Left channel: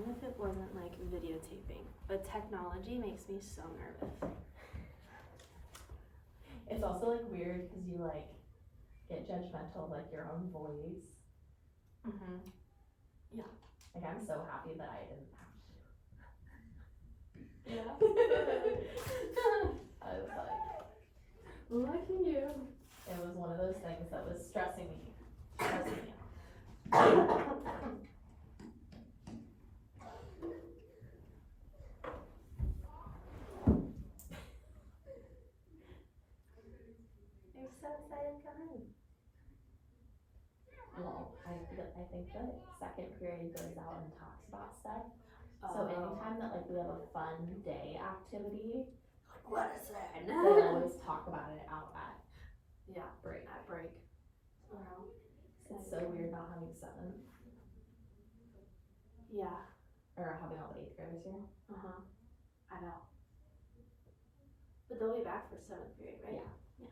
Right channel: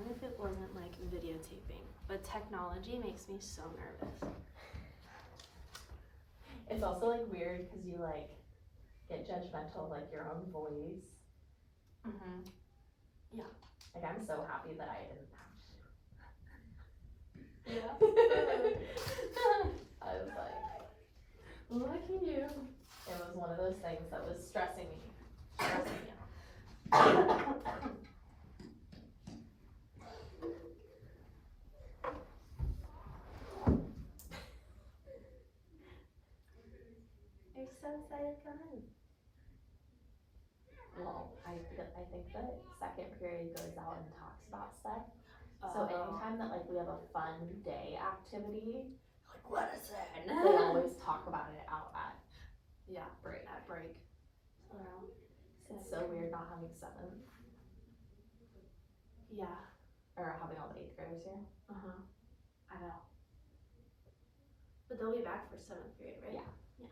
fine if it wasn't like videotaping, but technology makes me so nervous. It's also like weird because you like get judgmental of like your own voice. Mm-hmm. Yeah. Like I'm so happy that I didn't have to. Yeah. I was like, lucky you. It was one of those things that was stressing me. You're so excited to come in. Well, I think the second period goes out and talks about stuff. So anytime that like we have a fun day activity, Like, what is it? they always talk about it out at break. At break. Wow. It's so weird not having 7th. Yeah. Or having all the 8th graders here. I know. But they'll be back for 7th period, right? Yeah.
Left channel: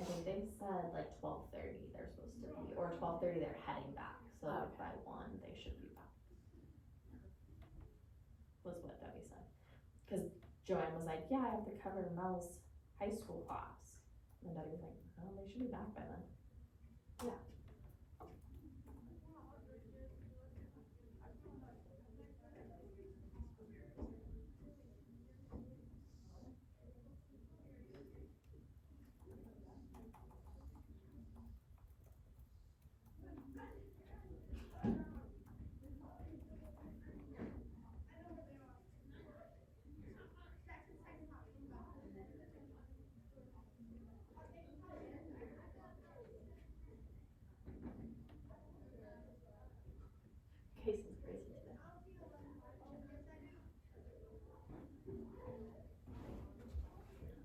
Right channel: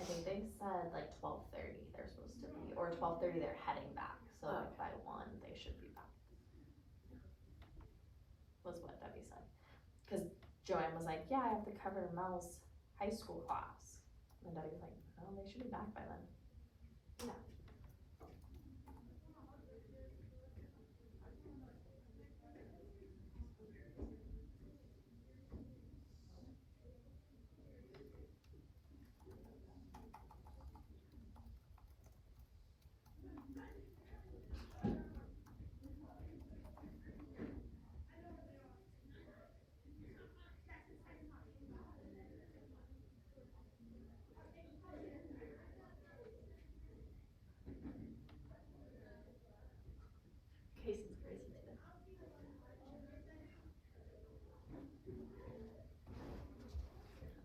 I think they said like 12:30 they're supposed to be, or 12:30 they're heading back. So like by 1 they should be back. Was what Debbie said. Cause Joanne was like, yeah, I have to cover Mel's high school class. And Debbie was like, oh, they should be back by then. Yeah. Casey's crazy today.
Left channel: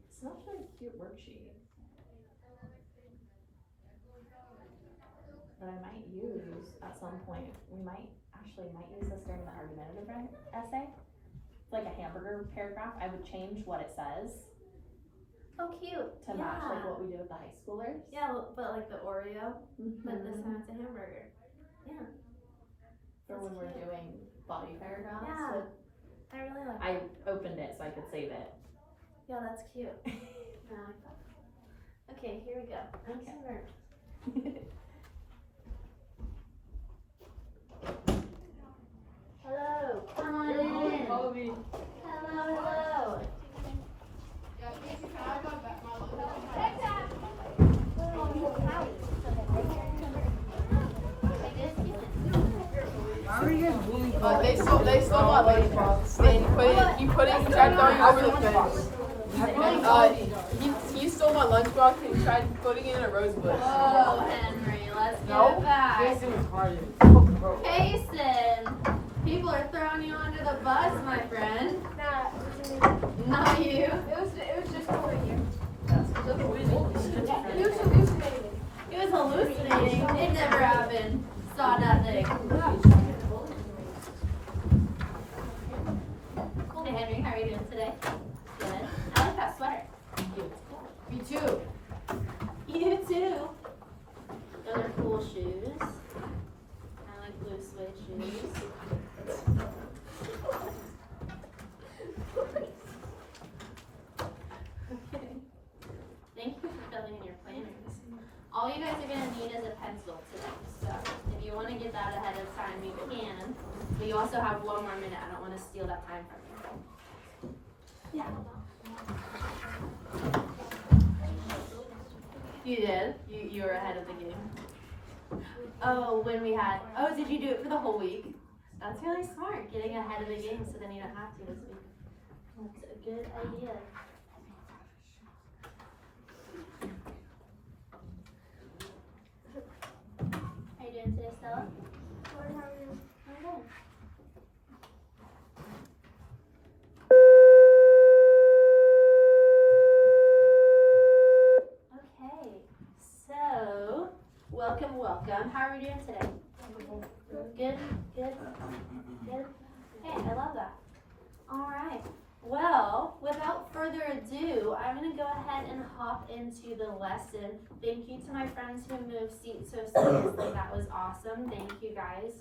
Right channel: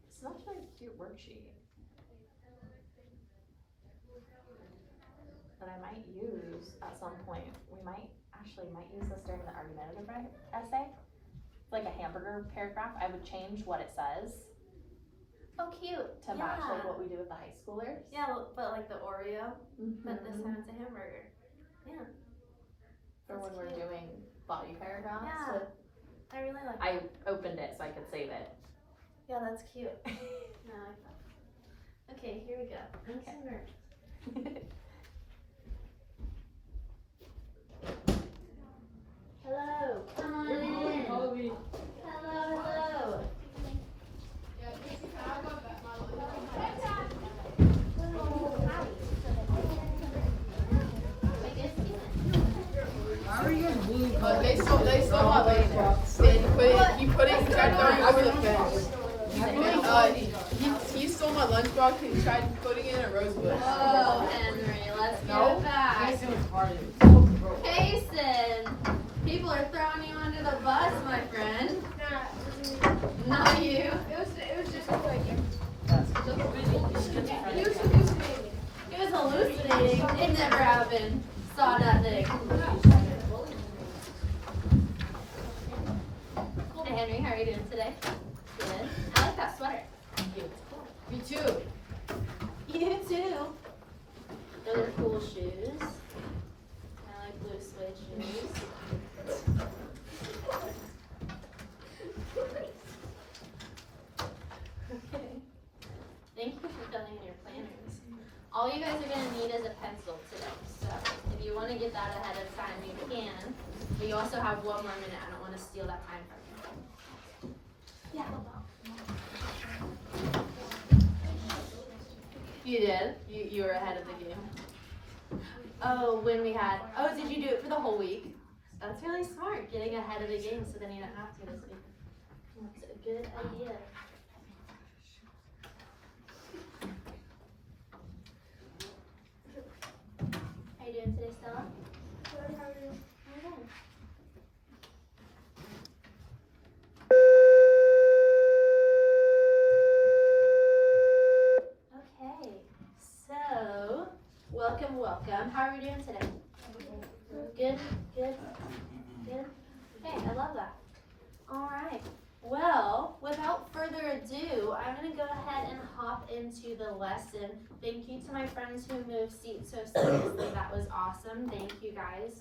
Such a cute worksheet. That I might use at some point. We might use this during the argumentative essay. Like a hamburger paragraph, I would change what it says Oh, cute. to match like what we do with the high schoolers. Yeah, but like the Oreo, but this time it's a hamburger. Yeah. For when we're doing body paragraphs. Yeah. I really like I opened it so I could save it. Yeah, that's cute. No, I like that. Okay, here we go. I'm so nervous. Hello, come on in. Hello. They stole my lunchbox. He put it down over the fence. He stole my lunchbox and tried putting it in a rose bush. Oh, Henry, let's get it back. Jason was hard. Payson, people are throwing you under the bus, my friend. Not you. It was just like He was hallucinating. It never happened. Saw nothing. Hey Henry, how are you doing today? Good. I like that sweater. Me too. You too. Those are cool shoes. I like blue suede shoes. Okay. Thank you for filling in your planners. All you guys are going to need is a pencil today. So if you want to get that ahead of time, you can. But you also have 1 more minute. I don't want to steal that time from you. Yeah. You did? You were ahead of the game. Oh, did you do it for the whole week? That's really smart, getting ahead of the game so then you don't have to this week. That's a good idea. How you doing today, Stella? I'm good. Okay, so welcome. How are we doing today? Good. Hey, I love that. All right. Well, without further ado, I'm going to go ahead and hop into the lesson. Thank you to my friends who moved seats so seamlessly. That was awesome. Thank you guys.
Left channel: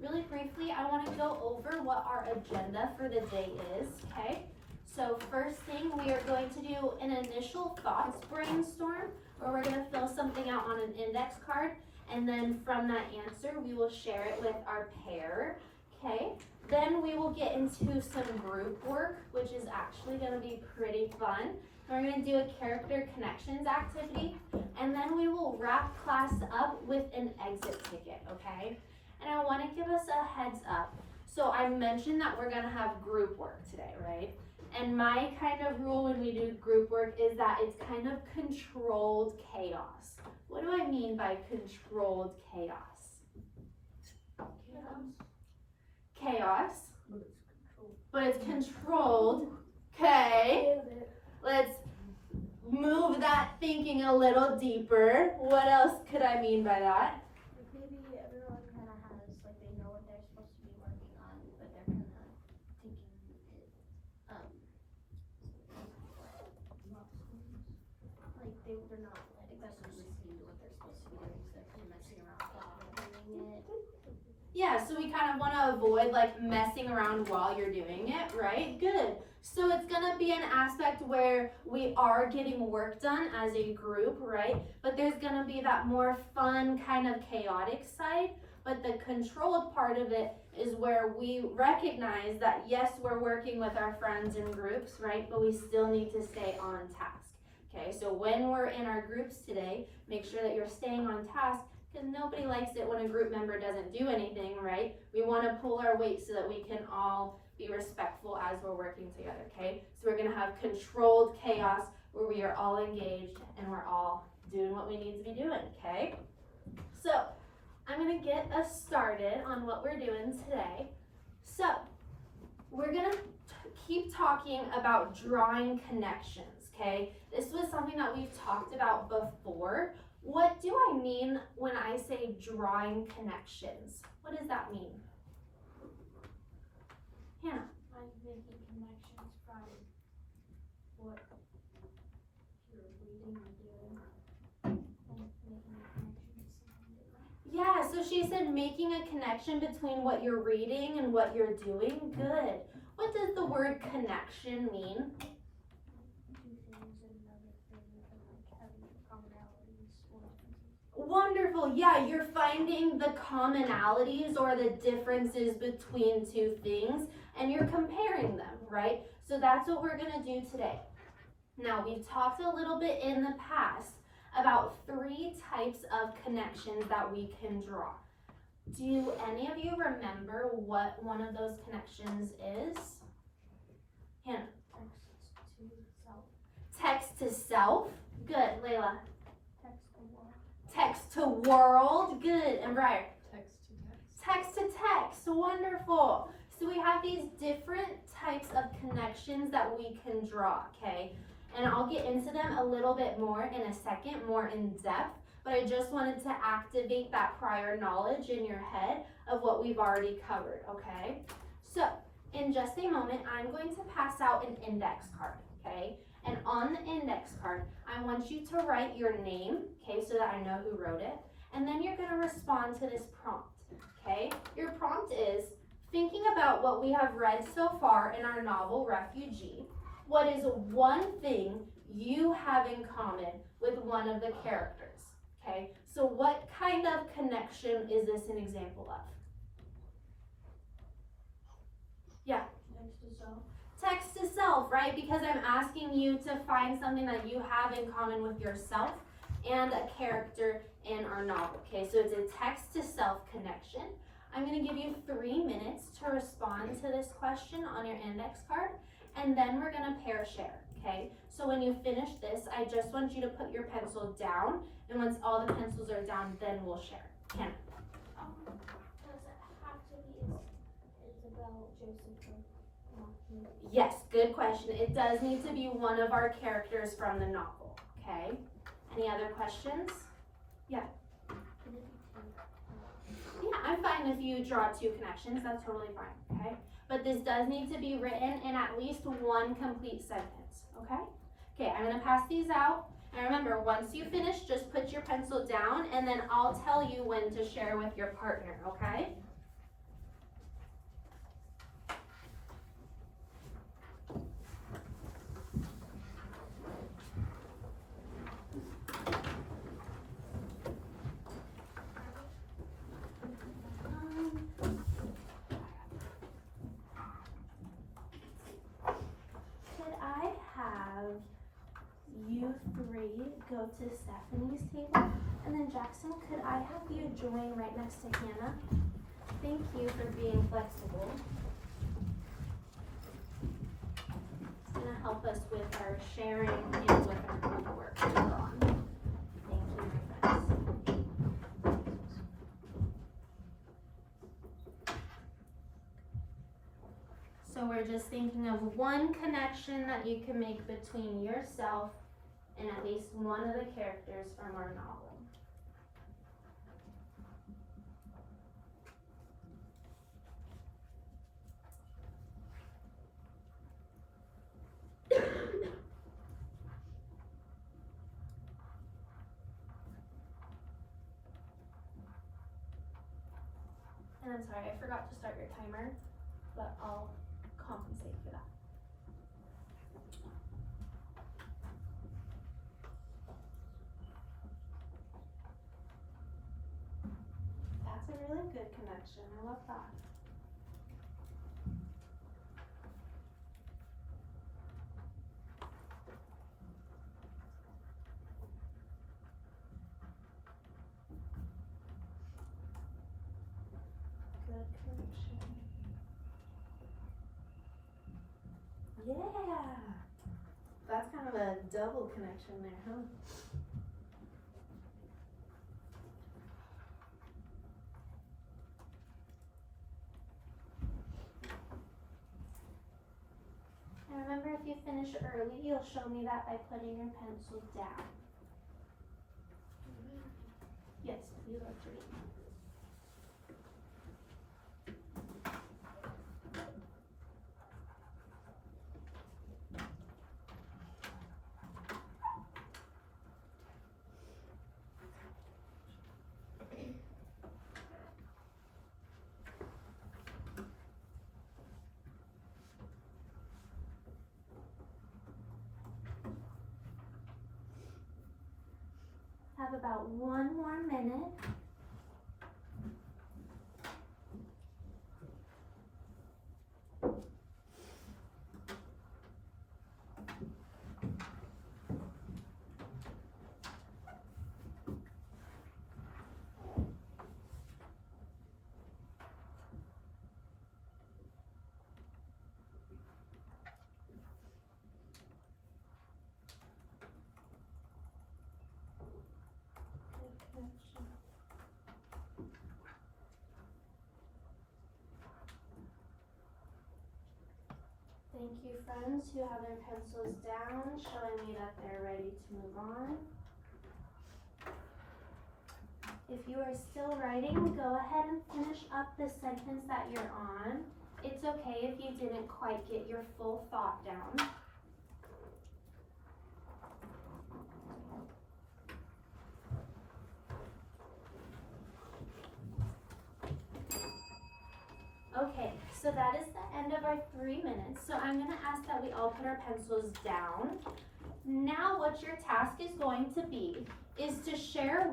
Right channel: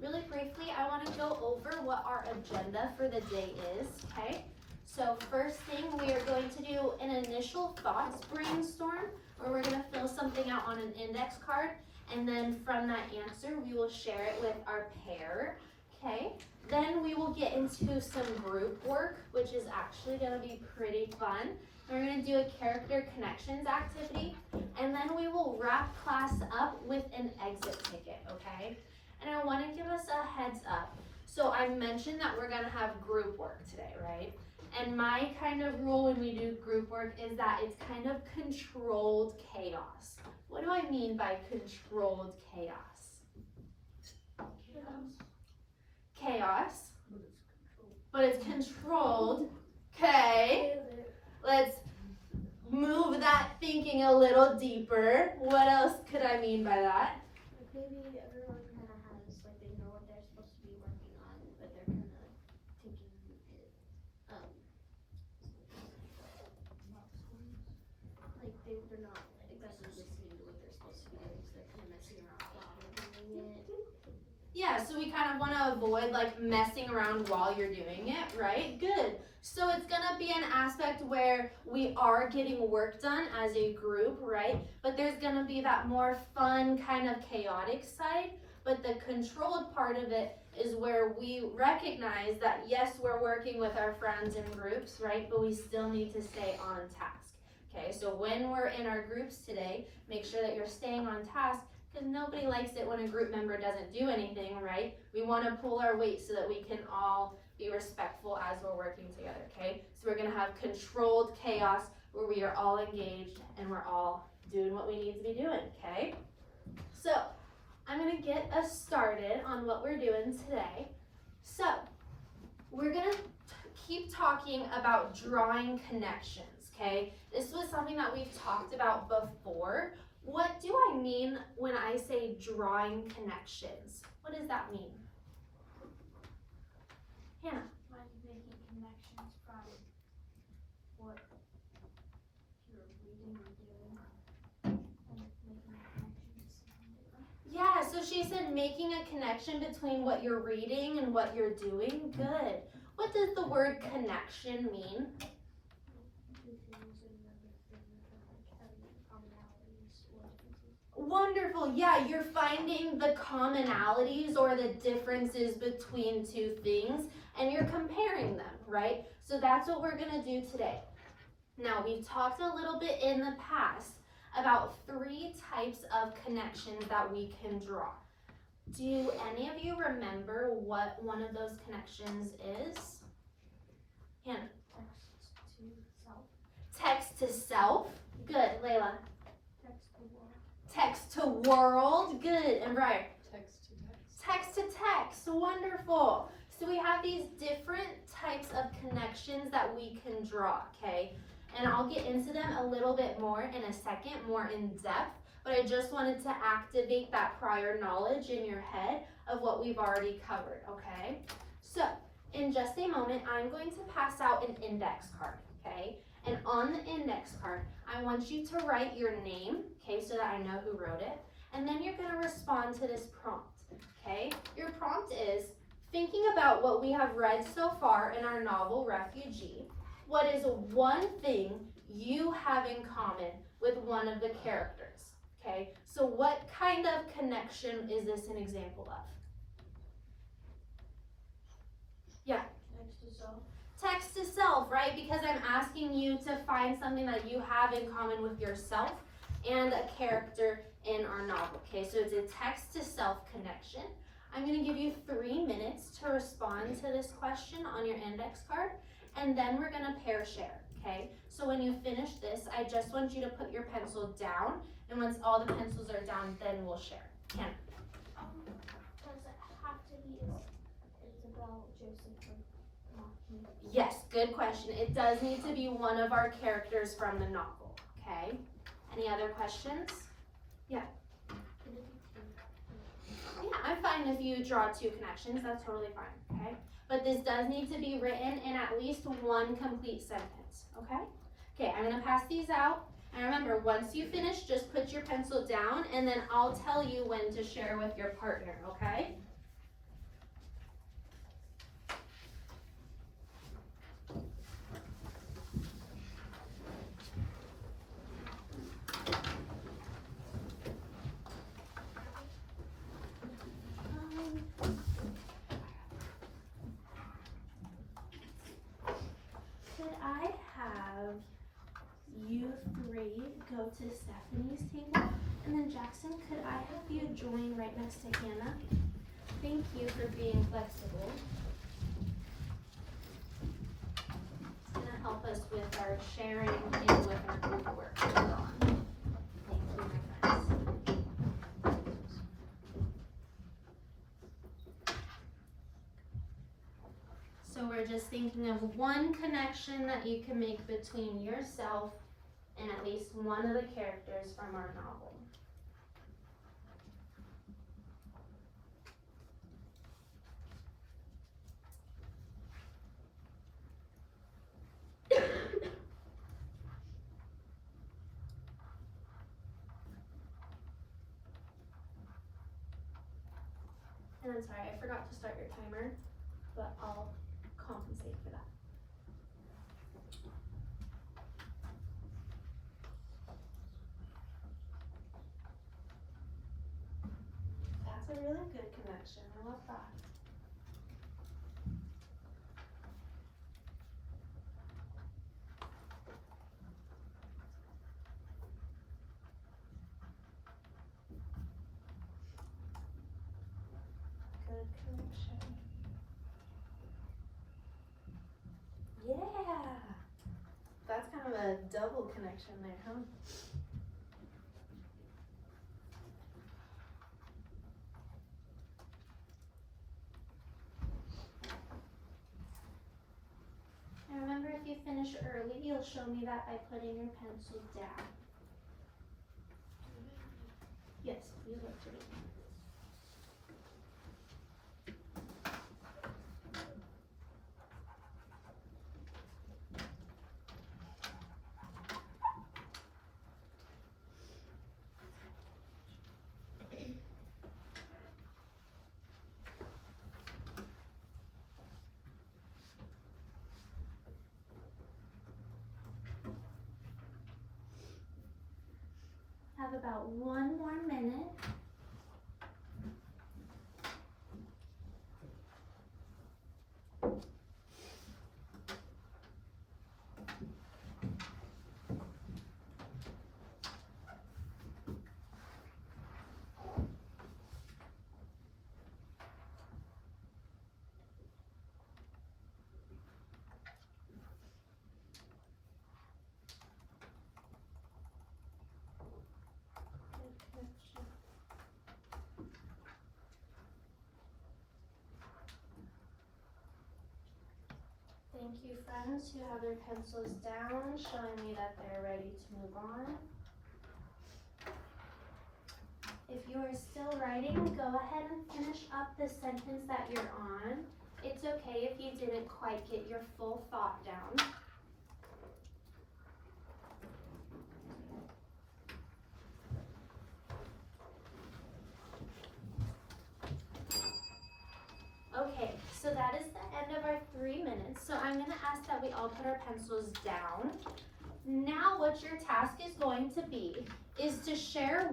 Really briefly, I wanna go over what our agenda for the day is, okay? So first thing, we are going to do an initial thoughts brainstorm, where we're gonna fill something out on an index card, and then from that answer, we will share it with our pair, okay? Then we will get into some group work, which is actually gonna be pretty fun. We're gonna do a character connections activity, and then we will wrap class up with an exit ticket, okay? And I wanna give us a heads up. So I mentioned that we're gonna have group work today, right? And my kind of rule when we do group work is that it's kind of controlled chaos. What do I mean by controlled chaos? Chaos, but it's controlled. Okay, let's move that thinking a little deeper. What else could I mean by that? Maybe everyone kind of has, like, they know what they're supposed to be working on, but they're kind of thinking it, like, they're not, like, exactly listening to what they're supposed to be doing, so they're kind of messing around while they're doing it. Yeah, so we kind of want to avoid like messing around while you're doing it, right? Good. So it's gonna be an aspect where we are getting work done as a group, right? But there's gonna be that more fun kind of chaotic side. But the controlled part of it is where we recognize that yes, we're working with our friends in groups, right? But we still need to stay on task. Okay, so when we're in our groups today, make sure that you're staying on task, because nobody likes it when a group member doesn't do anything, right? We want to pull our weight so that we can all be respectful as we're working together, okay? So we're going to have controlled chaos where we are all engaged and we're all doing what we need to be doing, okay? So I'm going to get us started on what we're doing today. So we're going to keep talking about drawing connections, okay? This was something that we've talked about before. What do I mean when I say drawing connections? What does that mean? Hannah? Like making connections from what you're reading or doing, and making a connection to something different. Yeah, so she said making a connection between what you're reading and what you're doing. Good. What does the word connection mean? Two things and another thing, and like having commonalities or differences. Wonderful. Yeah, you're finding the commonalities or the differences between two things and you're comparing them, right? So that's what we're gonna do today. Now, we've talked a little bit in the past about 3 types of connections that we can draw. Do any of you remember what one of those connections is? Hannah? Text to self. Text to self. Good. Layla? Text to world. Text to world. Good. And Briar? Text to text. Text to text. Wonderful. So we have these different types of connections that we can draw, okay? And I'll get into them a little bit more in a second, more in depth, but I just wanted to activate that prior knowledge in your head of what we've already covered, okay? So, in just a moment, I'm going to pass out an index card, okay? And on the index card, I want you to write your name, okay, so that I know who wrote it, and then you're gonna respond to this prompt, okay? Your prompt is, thinking about what we have read so far in our novel, Refugee, what is one thing you have in common with one of the characters, okay? So what kind of connection is this an example of? Yeah. Text to self. Text to self, right? Because I'm asking you to find something that you have in common with yourself and a character in our novel, okay? So it's a text to self connection. I'm gonna give you 3 minutes to respond to this question on your index card, and then we're gonna pair share, okay? So when you finish this, I just want you to put your pencil down, and once all the pencils are down, then we'll share. Hannah? Does it have to be Isabel, Joseph, or Matthew? Yes, good question. It does need to be one of our characters from the novel, okay? Any other questions? Could it be two? Yeah, I'm fine if you draw 2 connections, that's totally fine, okay? But this does need to be written in at least 1 complete sentence, okay? Okay, I'm gonna pass these out. And remember, once you finish, just put your pencil down and then I'll tell you when to share with your partner, okay? you three go to Stephanie's table, and then Jackson, could I have you join right next to Hannah? Thank you for being flexible. It's gonna help us with our sharing and with our group work later on. Thank you, my friends. So we're just thinking of one connection that you can make between yourself and at least one of the characters from our novel. And I'm sorry, I forgot to start your timer, but I'll compensate for that. That's a really good connection. I love that. Good connection. Yeah. That's kind of a double connection there, huh? And remember, if you finish early, you'll show me that by putting your pencil down. Yes, you love to read. Have about 1 more minute. Thank you, friends who have their pencils down, showing me that they're ready to move on. If you are still writing, go ahead and finish up the sentence that you're on. It's okay if you didn't quite get your full thought down. Okay, so that is the end of our 3 minutes. So I'm gonna ask that we all put our pencils down. Now what your task is going to be is to share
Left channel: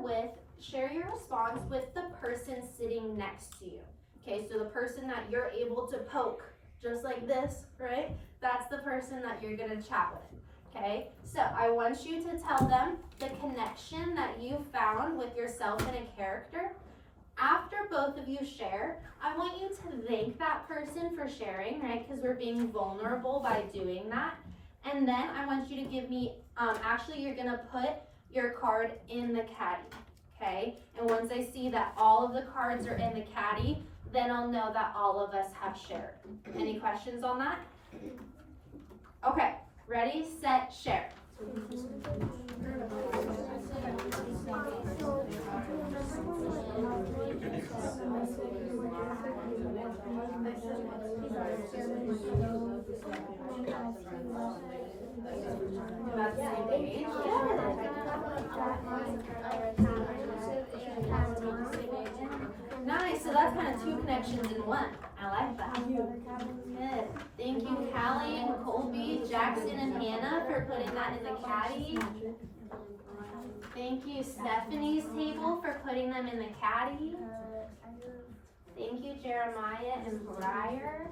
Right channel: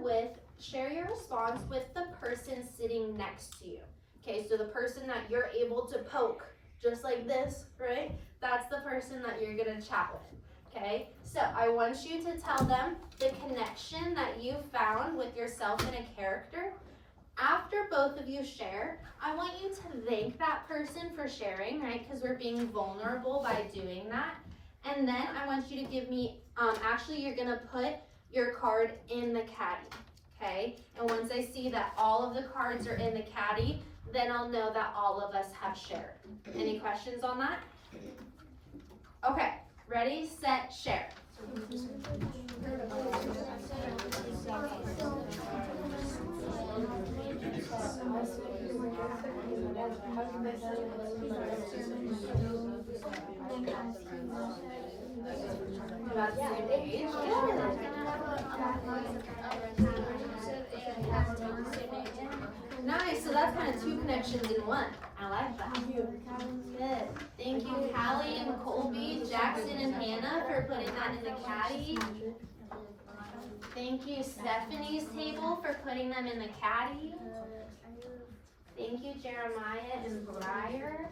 your response with the person sitting next to you. Okay, so the person that you're able to poke, just like this, right? That's the person that you're gonna chat with, okay? So I want you to tell them the connection that you found with yourself and a character. After both of you share, I want you to thank that person for sharing, right? Because we're being vulnerable by doing that. And then I want you to give me, actually you're gonna put your card in the caddy, okay? And once I see that all of the cards are in the caddy, then I'll know that all of us have shared. Any questions on that? Okay, ready, set, share. Nice, so that's kind of 2 connections in 1. I like that. Good. Thank you, Callie and Colby, Jackson and Hannah for putting that in the caddy. Thank you, Stephanie's table for putting them in the caddy. Thank you, Jeremiah and Briar.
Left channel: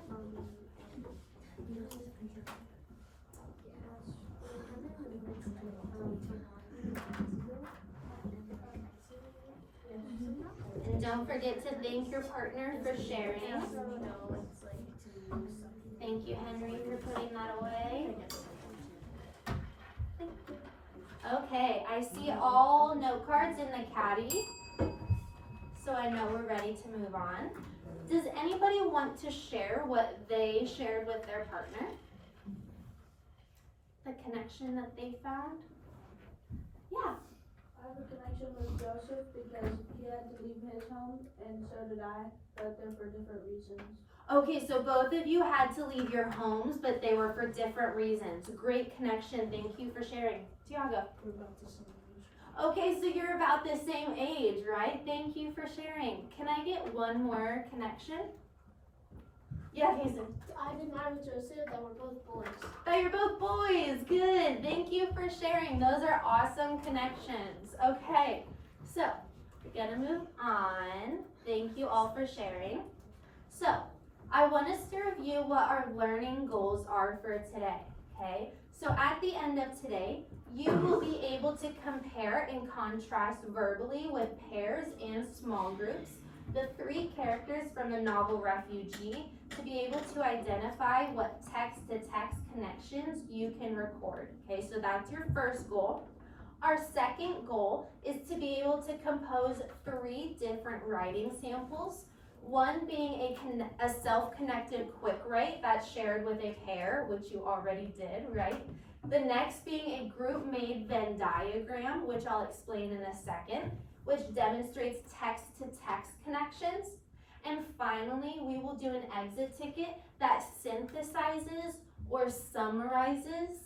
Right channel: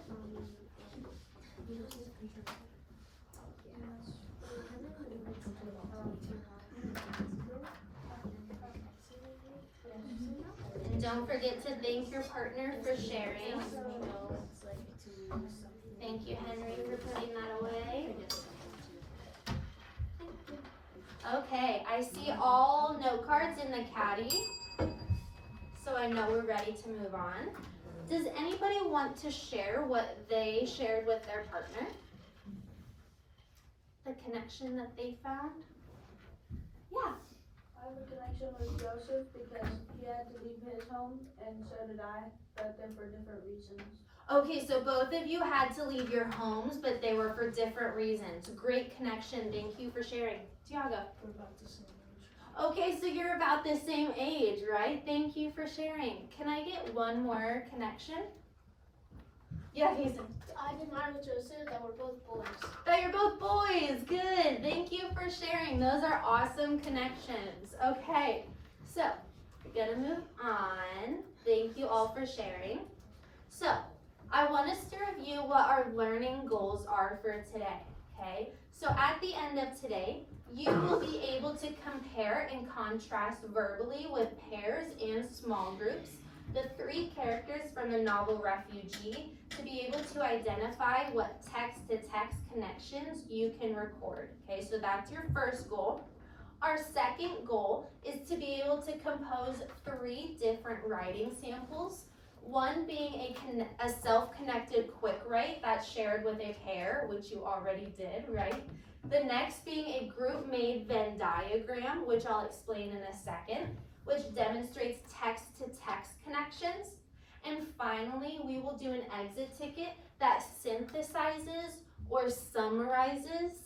don't forget to thank your partner for sharing. Thank you, Henry, for putting that away. Okay, I see all note cards in the caddy, so I know we're ready to move on. Does anybody want to share what they shared with their partner? The connection that they found? Yeah. I have a connection with Joseph because he had to leave his home, and so did I, but they're for different reasons. Okay, so both of you had to leave your homes, but they were for different reasons. Great connection. Thank you for sharing. Tiago. We're about the same age. Okay, so you're about the same age, right? Thank you for sharing. Can I get one more connection? Yeah, Hazen. I did mine with Joseph that we're both boys. Oh, you're both boys. Good. Thank you for sharing. Those are awesome connections. Okay, so we're gonna move on. Thank you all for sharing. So I want us to review what our learning goals are for today. Okay, so at the end of today, you will be able to compare and contrast verbally with pairs and small groups the three characters from the novel Refugee to be able to identify what text-to-text connections you can record. Okay, so that's your first goal. Our second goal is to be able to compose 3 different writing samples, one being a self-connected quick write that's shared with a pair, which you already did, right? The next being a group-made Venn diagram, which I'll explain in a second, which demonstrates text-to-text connections. And finally, we will do an exit ticket that synthesizes or summarizes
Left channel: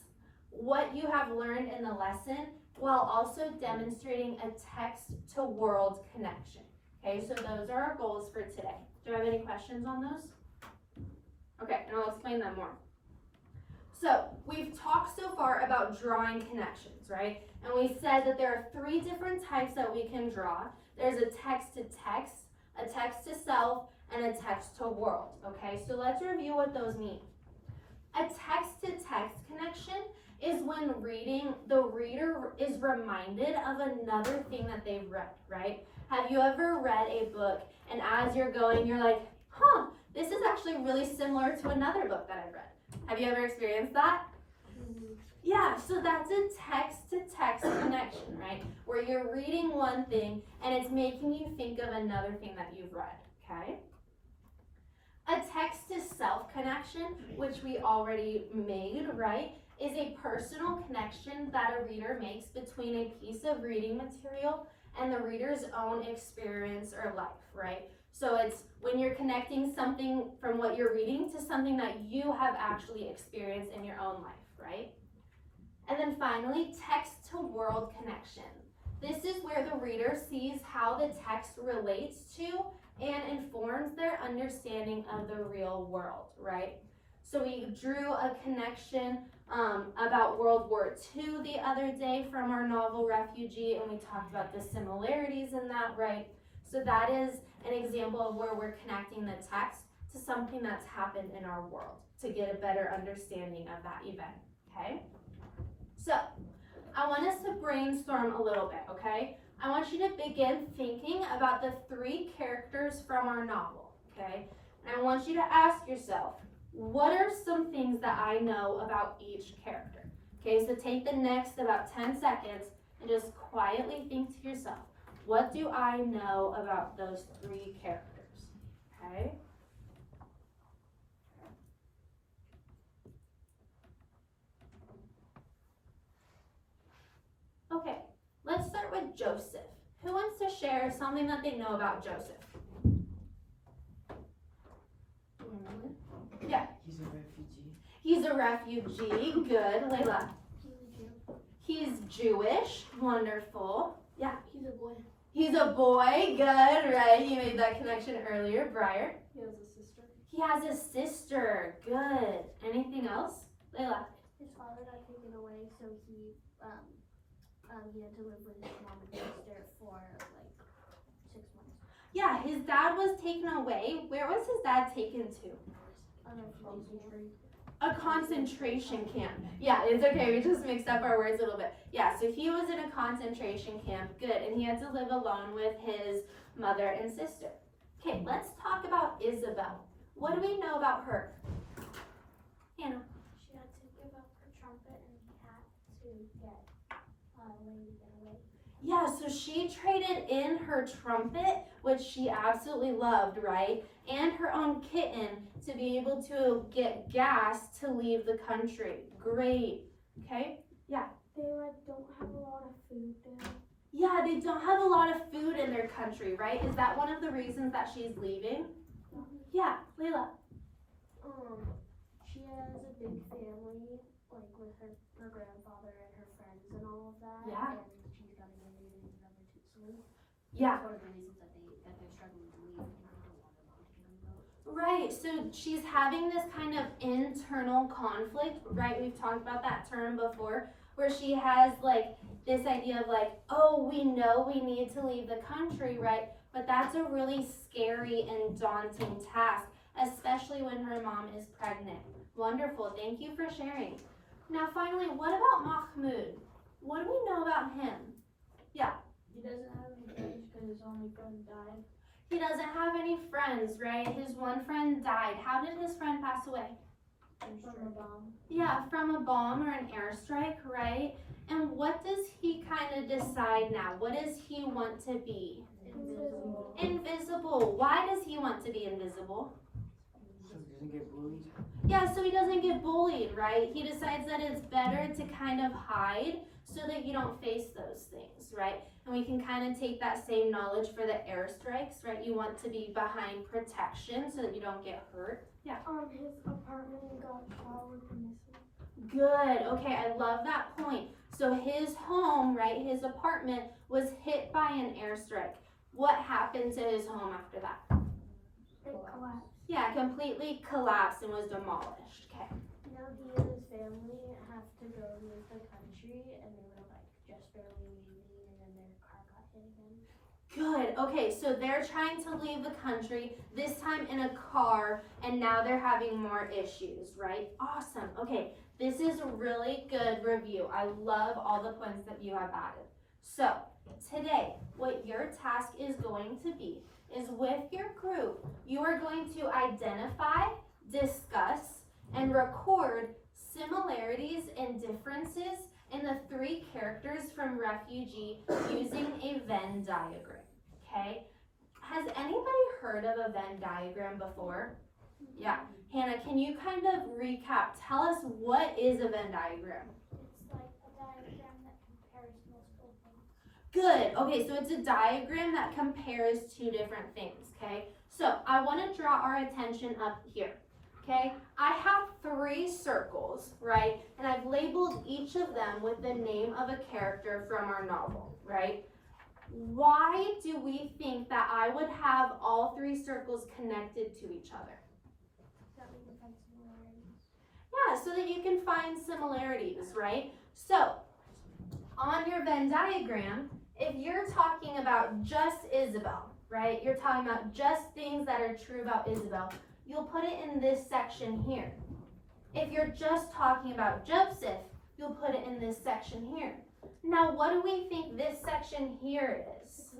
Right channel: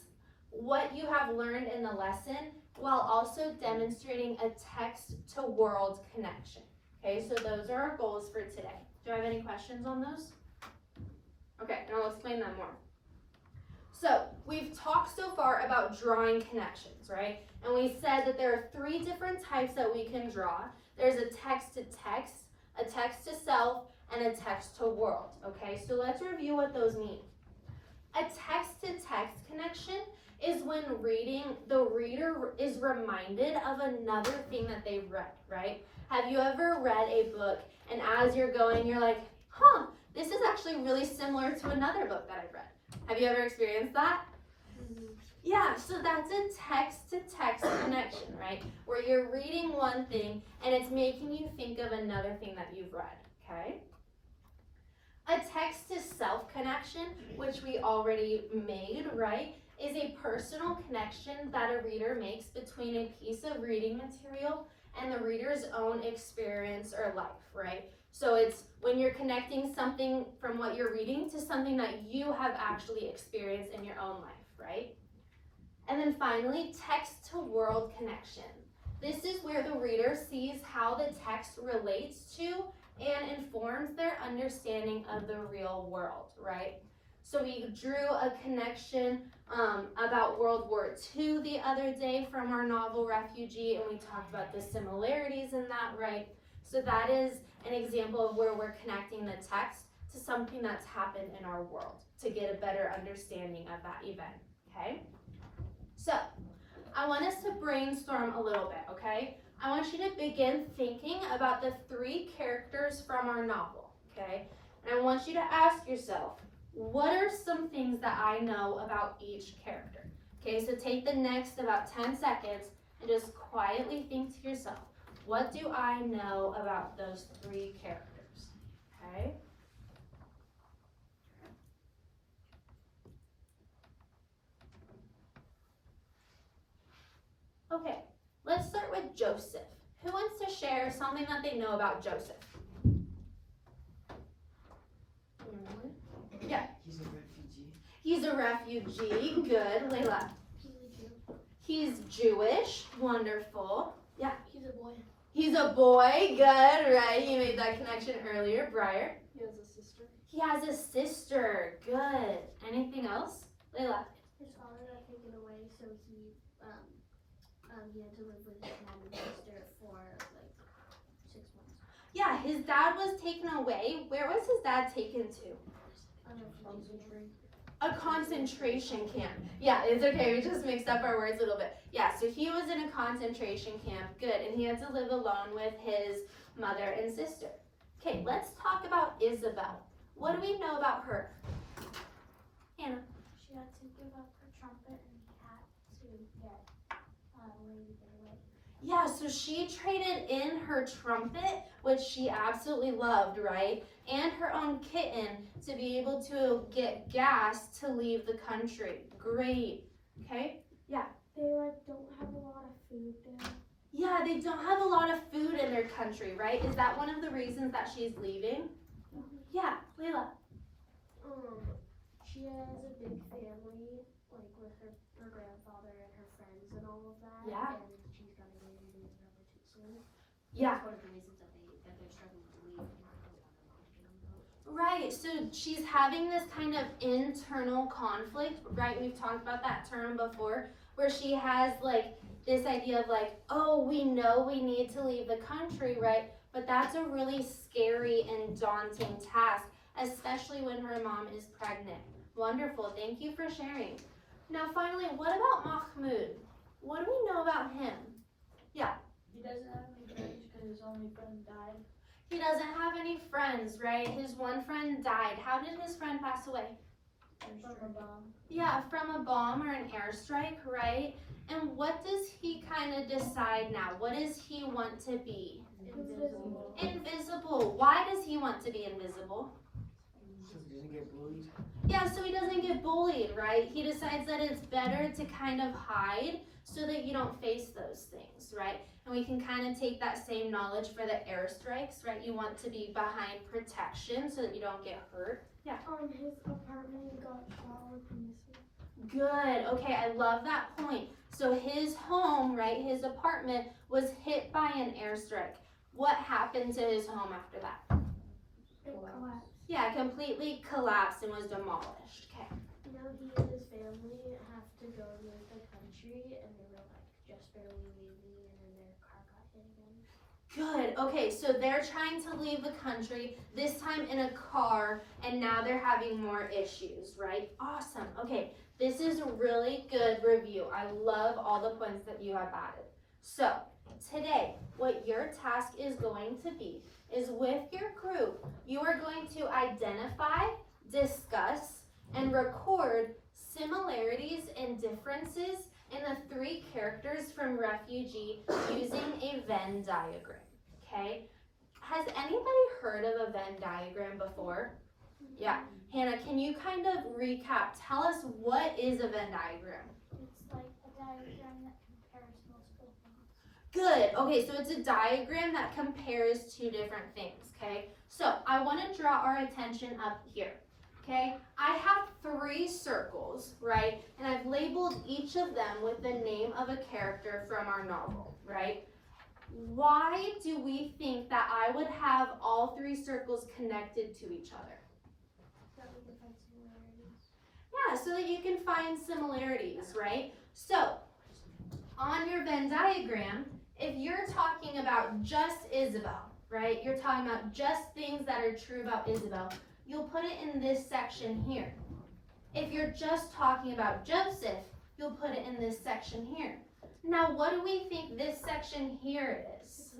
what you have learned in the lesson while also demonstrating a text-to-world connection. Okay, so those are our goals for today. Do I have any questions on those? Okay, and I'll explain them more. So, we've talked so far about drawing connections, right? And we said that there are 3 different types that we can draw. There's a text-to-text, a text-to-self, and a text-to-world, okay? So let's review what those mean. A text-to-text connection is when the reader is reminded of another thing that they've read, right? Have you ever read a book and as you're going, you're like, huh, this is actually really similar to another book that I've read. Have you ever experienced that? Yeah, so that's a text-to-text connection, right? Where you're reading one thing and it's making you think of another thing that you've read, okay? A text-to-self connection, which we already made, right, is a personal connection that a reader makes between a piece of reading material and the reader's own experience or life, right? So it's when you're connecting something from what you're reading to something that you have actually experienced in your own life, right? And then finally, text-to-world connection. This is where the reader sees how the text relates to and informs their understanding of the real world, right? So we drew a connection about World War II the other day from our novel Refugee, and we talked about the similarities in that, right? So that is an example of where we're connecting the text to something that's happened in our world to get a better understanding of that event, okay? So, I want us to brainstorm a little bit, okay? I want you to begin thinking about the 3 characters from our novel, okay? And I want you to ask yourself, what are some things that I know about each character? Okay, so take the next about 10 seconds and just quietly think to yourself, what do I know about those 3 characters, okay? Okay, let's start with Joseph. Who wants to share something that they know about Joseph? Yeah. He's a refugee. He's a refugee. Good. Layla. He's Jewish. Wonderful. Yeah. He's a boy. He's a boy. Good. Right. You made that connection earlier. Briar. He has a sister. He has a sister. Good. Anything else? Layla. His father got taken away, so he had to live with his mom and sister for like 6 months. Yeah, his dad was taken away. Where was his dad taken to? On a refugee camp. A concentration camp. Yeah, it's okay. We just mixed up our words a little bit. Yeah, so he was in a concentration camp. Good. And he had to live alone with his mother and sister. Okay, let's talk about Isabel. What do we know about her? Hannah. She had to give up her trumpet and he had to get Lady to get away. Yeah, so she traded in her trumpet, which she absolutely loved, right? And her own kitten to be able to get gas to leave the country. Great. Okay? They don't have a lot of food there. Yeah, they don't have a lot of food in their country, right? Is that one of the reasons that she's leaving? Yeah, Layla. She has a big family, like with her grandfather and her friends and all of that. Yeah. And she's gotta get married relatively soon. Yeah. That's one of the reasons that they're struggling to leave because they don't want their mom to get on the boat. Right, so she's having this kind of internal conflict, right? We've talked about that term before, where she has like this idea of like, oh, we know we need to leave the country, right? But that's a really scary and daunting task, especially when her mom is pregnant. Wonderful, thank you for sharing. Now finally, what about Mahmoud? What do we know about him? He doesn't have any friends because his only friend died. He doesn't have any friends, right? His one friend died. How did his friend pass away? From a bomb. Yeah, from a bomb or an airstrike, right? And what does he kind of decide now? What does he want to be? Invisible. Invisible. Why does he want to be invisible? So he doesn't get bullied. Yeah, so he doesn't get bullied, right? He decides that it's better to kind of hide so that you don't face those things, right? And we can kind of take that same knowledge for the airstrikes, right? You want to be behind protection so that you don't get hurt. Yeah. His apartment got shot with a missile. Good. Okay, I love that point. So his home, right, his apartment was hit by an airstrike. What happened to his home after that? It collapsed. Yeah, completely collapsed and was demolished. Okay. Now he and his family have to go leave the country, and they were like just barely leaving, and then their car got hit again. Good. Okay, so they're trying to leave the country, this time in a car, and now they're having more issues, right? Awesome. Okay, this is a really good review. I love all the points that you have added. So, today, what your task is going to be is with your group, you are going to identify, discuss, and record similarities and differences in the three characters from Refugee using a Venn diagram, okay? Has anybody heard of a Venn diagram before? Yeah. Hannah, can you kind of recap? Tell us, what is a Venn diagram? It's like a diagram that compares multiple things. Good. Okay, so it's a diagram that compares two different things, okay? So I want to draw our attention up here, okay? I have three circles, right? And I've labeled each of them with the name of a character from our novel, right? Why do we think that I would have all three circles connected to each other? That we can find similarities. Yeah, so that you can find similarities, right? So, on your Venn diagram, if you're talking about just Isabel, right? You're talking about just things that are true about Isabel, you'll put it in this section here. If you're just talking about Joseph, you'll put it in this section here. Now, what do we think this section here is?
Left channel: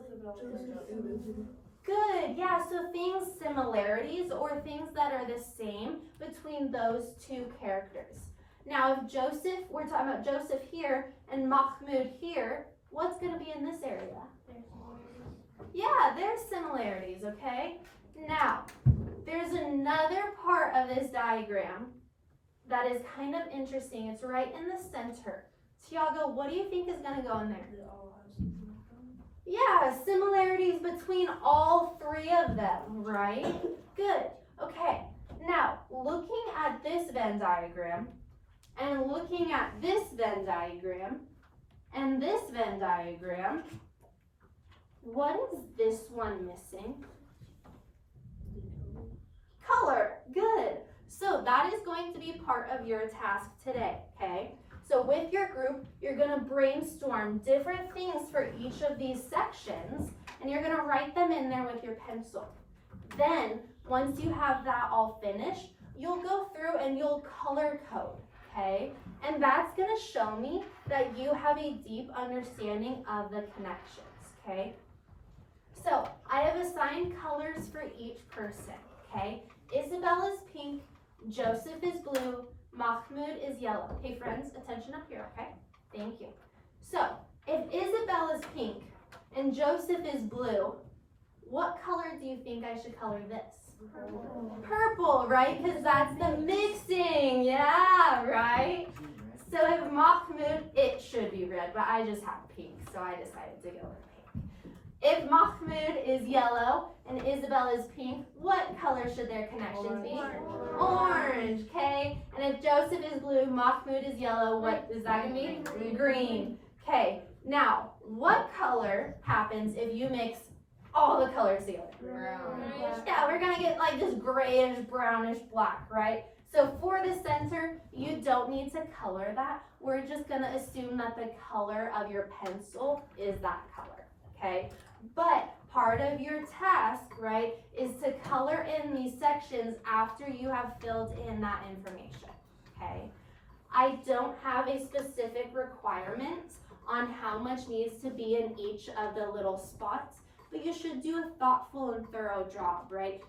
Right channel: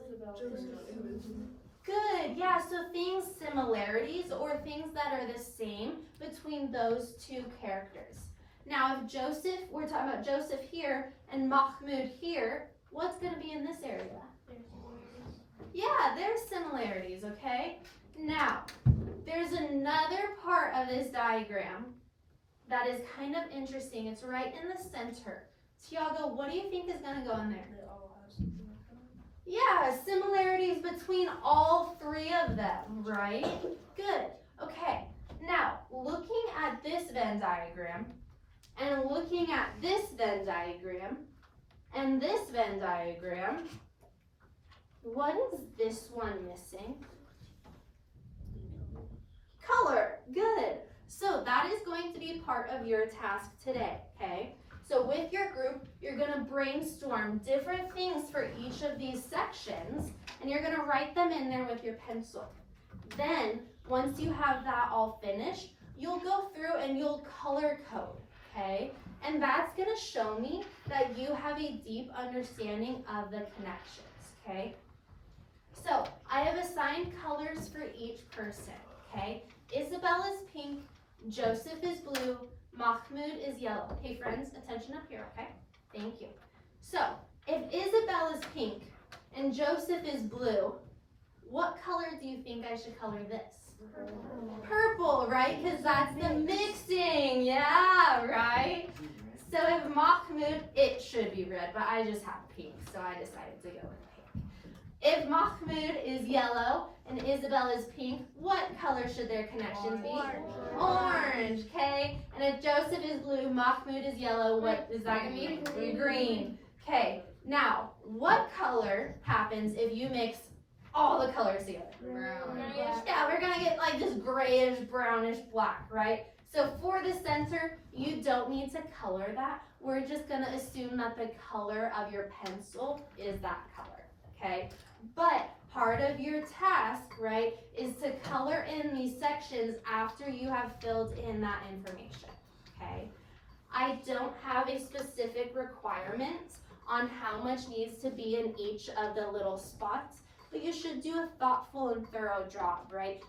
Good, yeah, so things, similarities, or things that are the same between those two characters. Now, if Joseph, we're talking about Joseph here and Mahmoud here, what's gonna be in this area? There's similarities. Yeah, there's similarities, okay? Now, there's another part of this diagram that is kind of interesting. It's right in the center. Tiago, what do you think is gonna go in there? They all have something in common. Yeah, similarities between all three of them, right? Good. Okay. Now, looking at this Venn diagram, and looking at this Venn diagram, and this Venn diagram, what is this one missing? Color. Good. So that is going to be part of your task today, okay? So with your group, you're gonna brainstorm different things for each of these sections, and you're gonna write them in there with your pencil. Then, once you have that all finished, you'll go through and you'll color code, okay? And that's gonna show me that you have a deep understanding of the connections, okay? So I have assigned colors for each person, okay? Isabel is pink, Joseph is blue, Mahmoud is yellow. Okay, friends, attention up here, okay? Thank you. So, if Isabel is pink and Joseph is blue, what color do you think I should color this? Purple, right? Because that's the mixing, yeah, right? So if Mahmoud, it should be red, but I just have pink, so I decided to go with pink. If Mahmoud is yellow and Isabel is pink, what color should their connections be? Orange, okay? And if Joseph is blue, Mahmoud is yellow, what is that gonna be? Green. Okay, now, what color happens if you mix all the colors together? Yeah, we're gonna get like this grayish, brownish, black, right? So for the center, you don't need to color that. We're just gonna assume that the color of your pencil is that color, okay? But part of your task, right, is to color in these sections after you have filled in that information, okay? I don't have a specific requirement on how much needs to be in each of the little spots, but you should do a thoughtful and thorough job, right?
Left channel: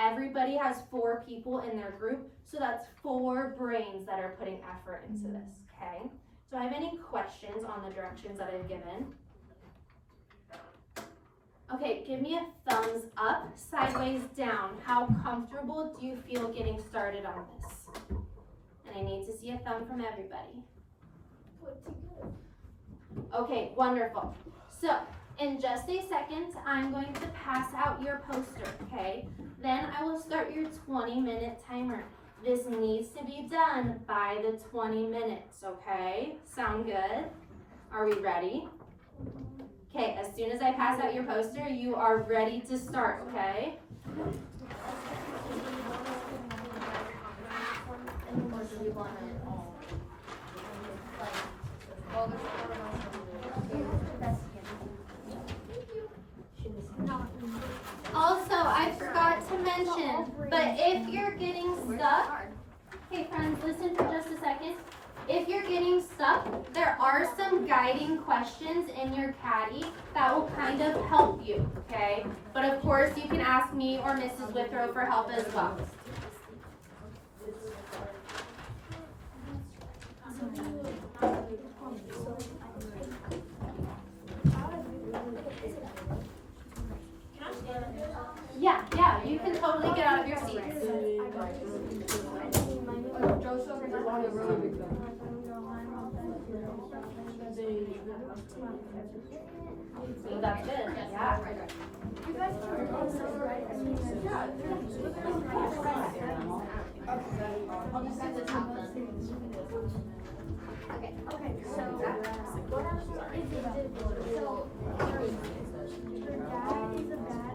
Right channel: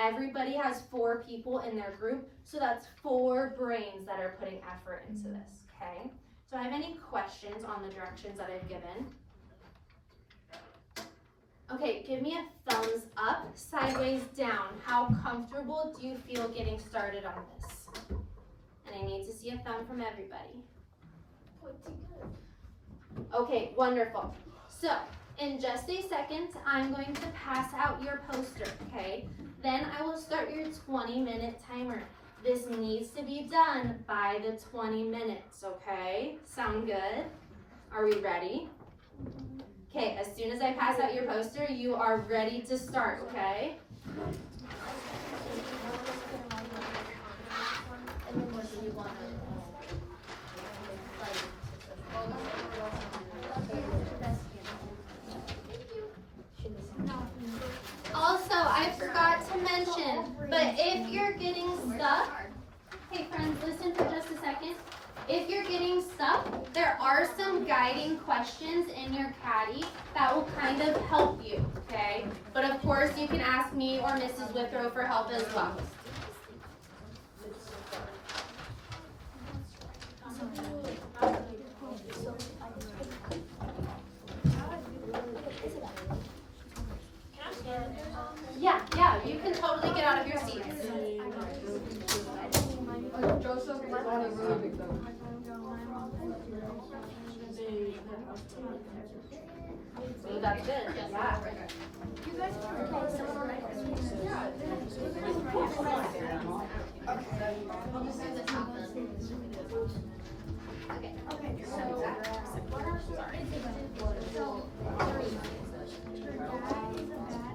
Everybody has 4 people in their group, so that's 4 brains that are putting effort into this, okay? Do I have any questions on the directions that I've given? Okay, give me a thumbs up, sideways down. How comfortable do you feel getting started on this? And I need to see a thumb from everybody. Okay, wonderful. So, in just a second, I'm going to pass out your poster, okay? Then I will start your 20-minute timer. This needs to be done by the 20 minutes, okay? Sound good? Are we ready? Okay, as soon as I pass out your poster, you are ready to start, okay? Also, I forgot to mention, but if you're getting stuck, hey friends, listen for just a second. If you're getting stuck, there are some guiding questions in your caddy that will kind of help you, okay? But of course, you can ask me or Mrs. Withrow for help as well. Yeah, you can totally get out of your seats. Joseph is on a really big thing. So that's good. Yeah. You guys can record this, right? I'll just do the top then. Okay. Okay, so what I'm so her dad is a bad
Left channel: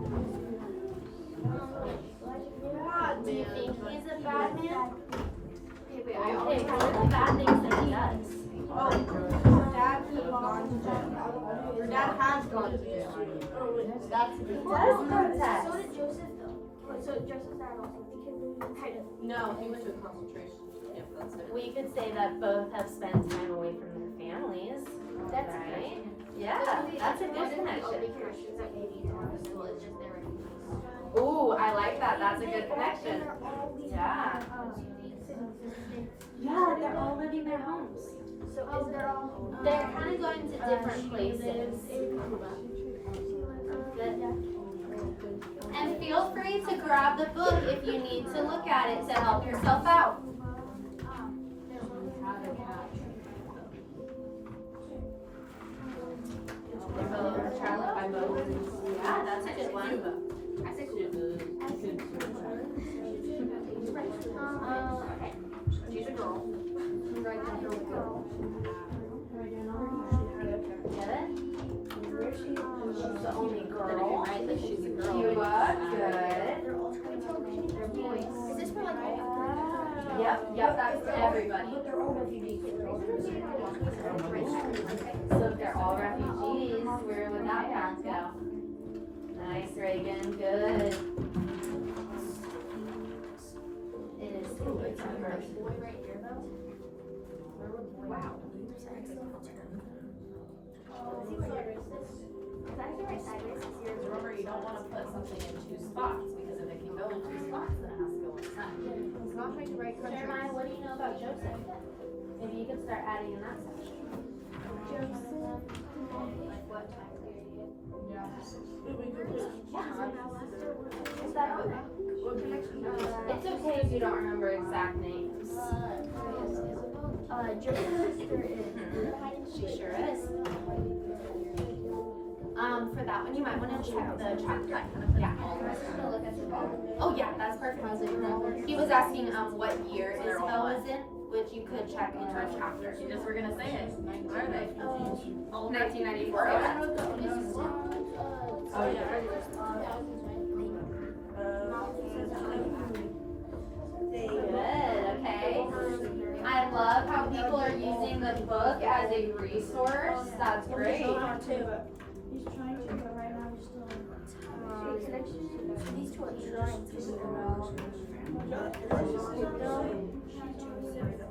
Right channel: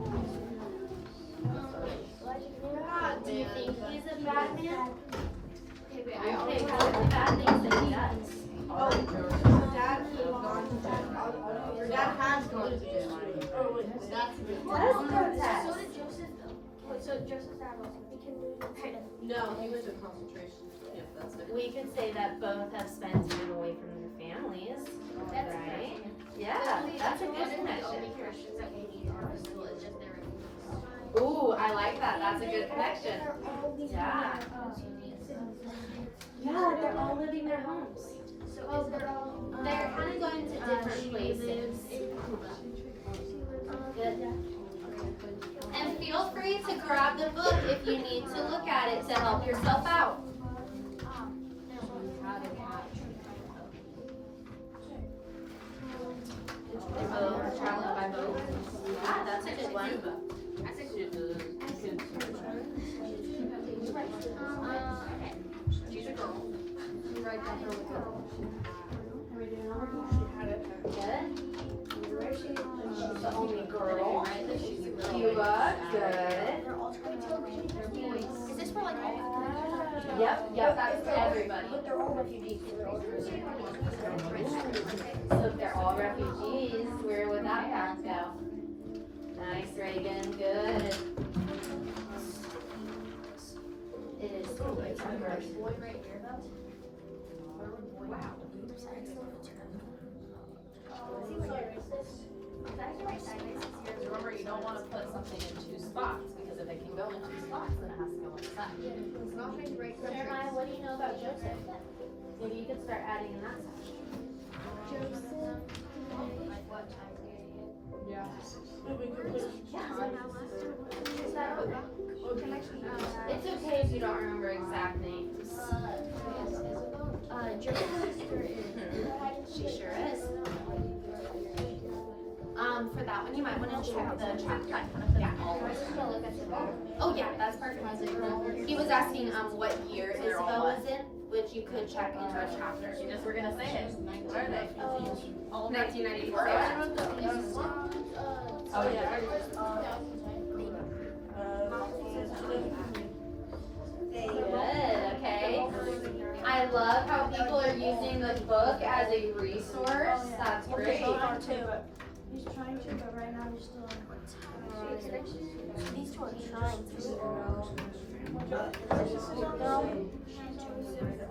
Do you think he's a bad man? Okay, wait, Okay, what are the bad things that he does? Oh, dad could have gone to jail. Your dad has gone to jail. That's the So did Joseph though. So Joseph's dad also because No, he went to concentration. Yep, that's it. We could say that both have spent time away from their families. That's right. Yeah, that's a good connection. Christians that we need to have a school, it's just their refugees. Ooh, I like that. That's a good connection. Yeah. Yeah, they're all living their homes. So they're all They're kind of going to different places. Good. And feel free to grab the book if you need to look at it to help yourself out. They're both traveling by boat. Yeah, that's a good one. Okay. Choose a girl. You are good. Is this one? Yep, that's for everybody. They're all refugees. So if they're all refugees, where would that parents go? Nice, Reagan, good. It is Remember, you don't wanna put something in two spots, because if it can go in two spots, then it has to go inside. It's not trying to write country. Jeremiah, what do you know about Joseph? Maybe you could start adding in that section. Like what time period? Yeah. What connection? It's okay if you don't remember exact names. Joseph's sister is. She sure is. For that one, you might wanna check the chapter. Yeah. Oh, yeah, that's perfect. He was asking, what year Isabel was in, which you could check in her chapter. You just were gonna say it. What are they? 1994, okay. Oh, yeah. Good, okay. I love how people are using the book as a resource. That's great. He's trying to, but right now he's still on. These two are trying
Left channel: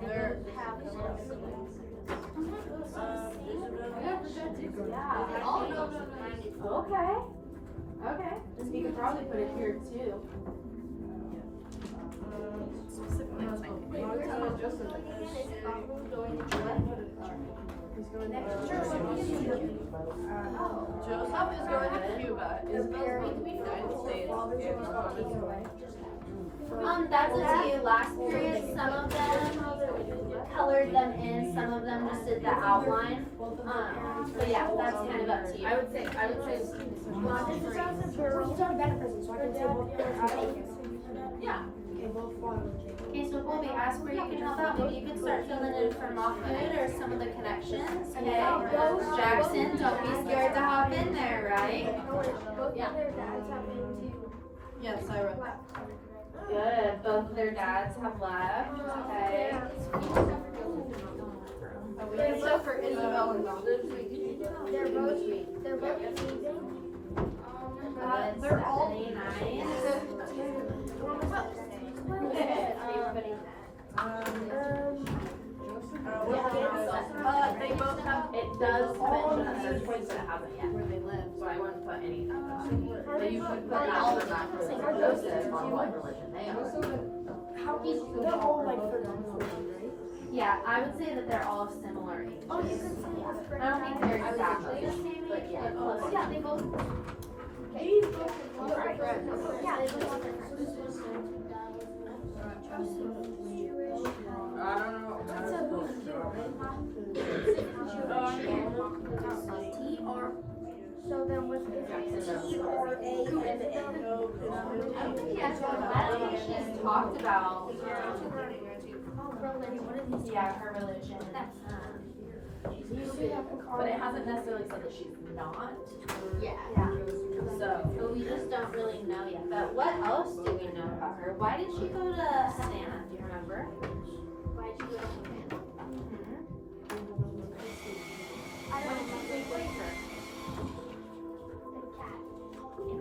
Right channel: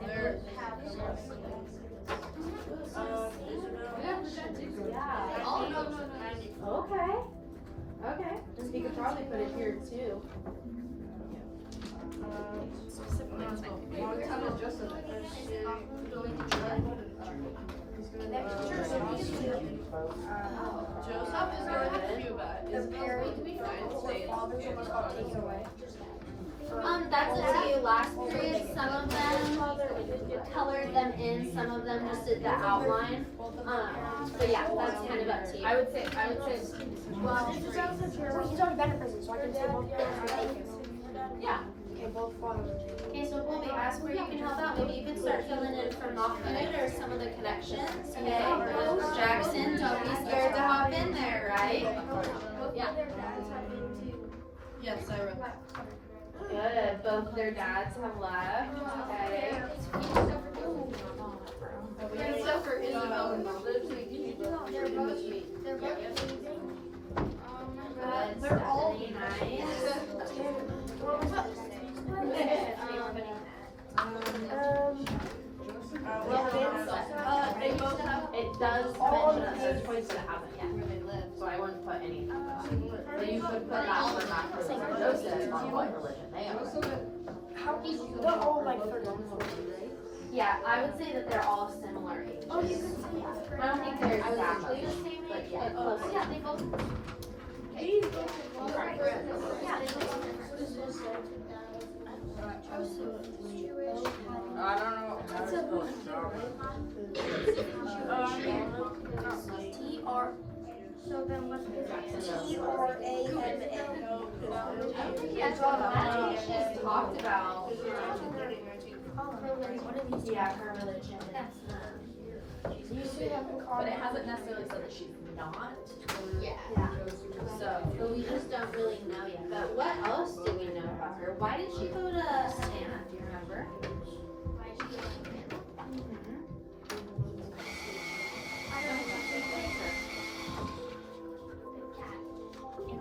They're Okay. Okay. We could probably put it here too. Montana Joseph. Joseph is going to Cuba. Isabel's going to the United States. That's up to you. Last period, some of them colored them in, some of them just did the outline. So yeah, that's kind of up to you. I would say. Well, this is also he's already benefits, so I can say both. Yeah. Okay, both fun. Okay, so Colby, ask where you can help out. Maybe you could start filling in for Mahmoud or some of the connections. Okay. Jackson, don't be scared to hop in there, right? Yeah. Their dads have been too. Yes, I read. Good. Both their dads have left. Okay. Except for Isabel and Mom. They're both leaving. They're all Stephanie, nice. They both have. It does mention a search point, but it hasn't yet. Where they live. So I wouldn't put any of that. But you could put that for Macros and Joseph on what religion they are. They're all like 13, 14, right? Yeah, I would say that they're all similar ages. Oh, you can say I don't think they're exactly the same But age, yeah. but close. Yeah, they both. These both Yeah, they both want their I don't know. What's a T-R. So then what's T-R-A-M-A? I don't think he has automatic, she just talked about, yeah, her religion. But it hasn't necessarily said that she's not. Yeah. So we just don't really know yet. But what else do we know about her? Why did she go to Savannah? Do you remember? Why did you go to Savannah? I don't know.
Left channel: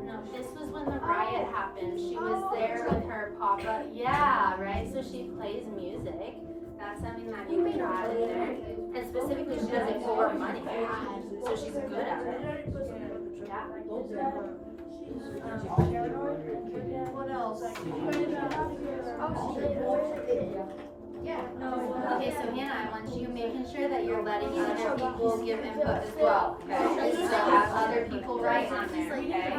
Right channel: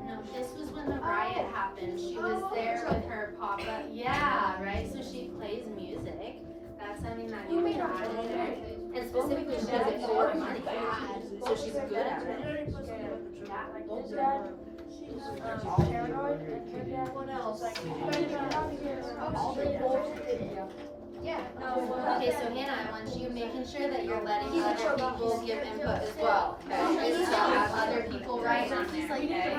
No, this was when the riot happened. She was there with her papa. Yeah, right? So she plays music. That's something that you can add in there. And specifically, she does it for money. So she's good at it. What else? Okay, so Hannah, I want you making sure that you're letting other people give input as well, okay? So have other people write on there, okay?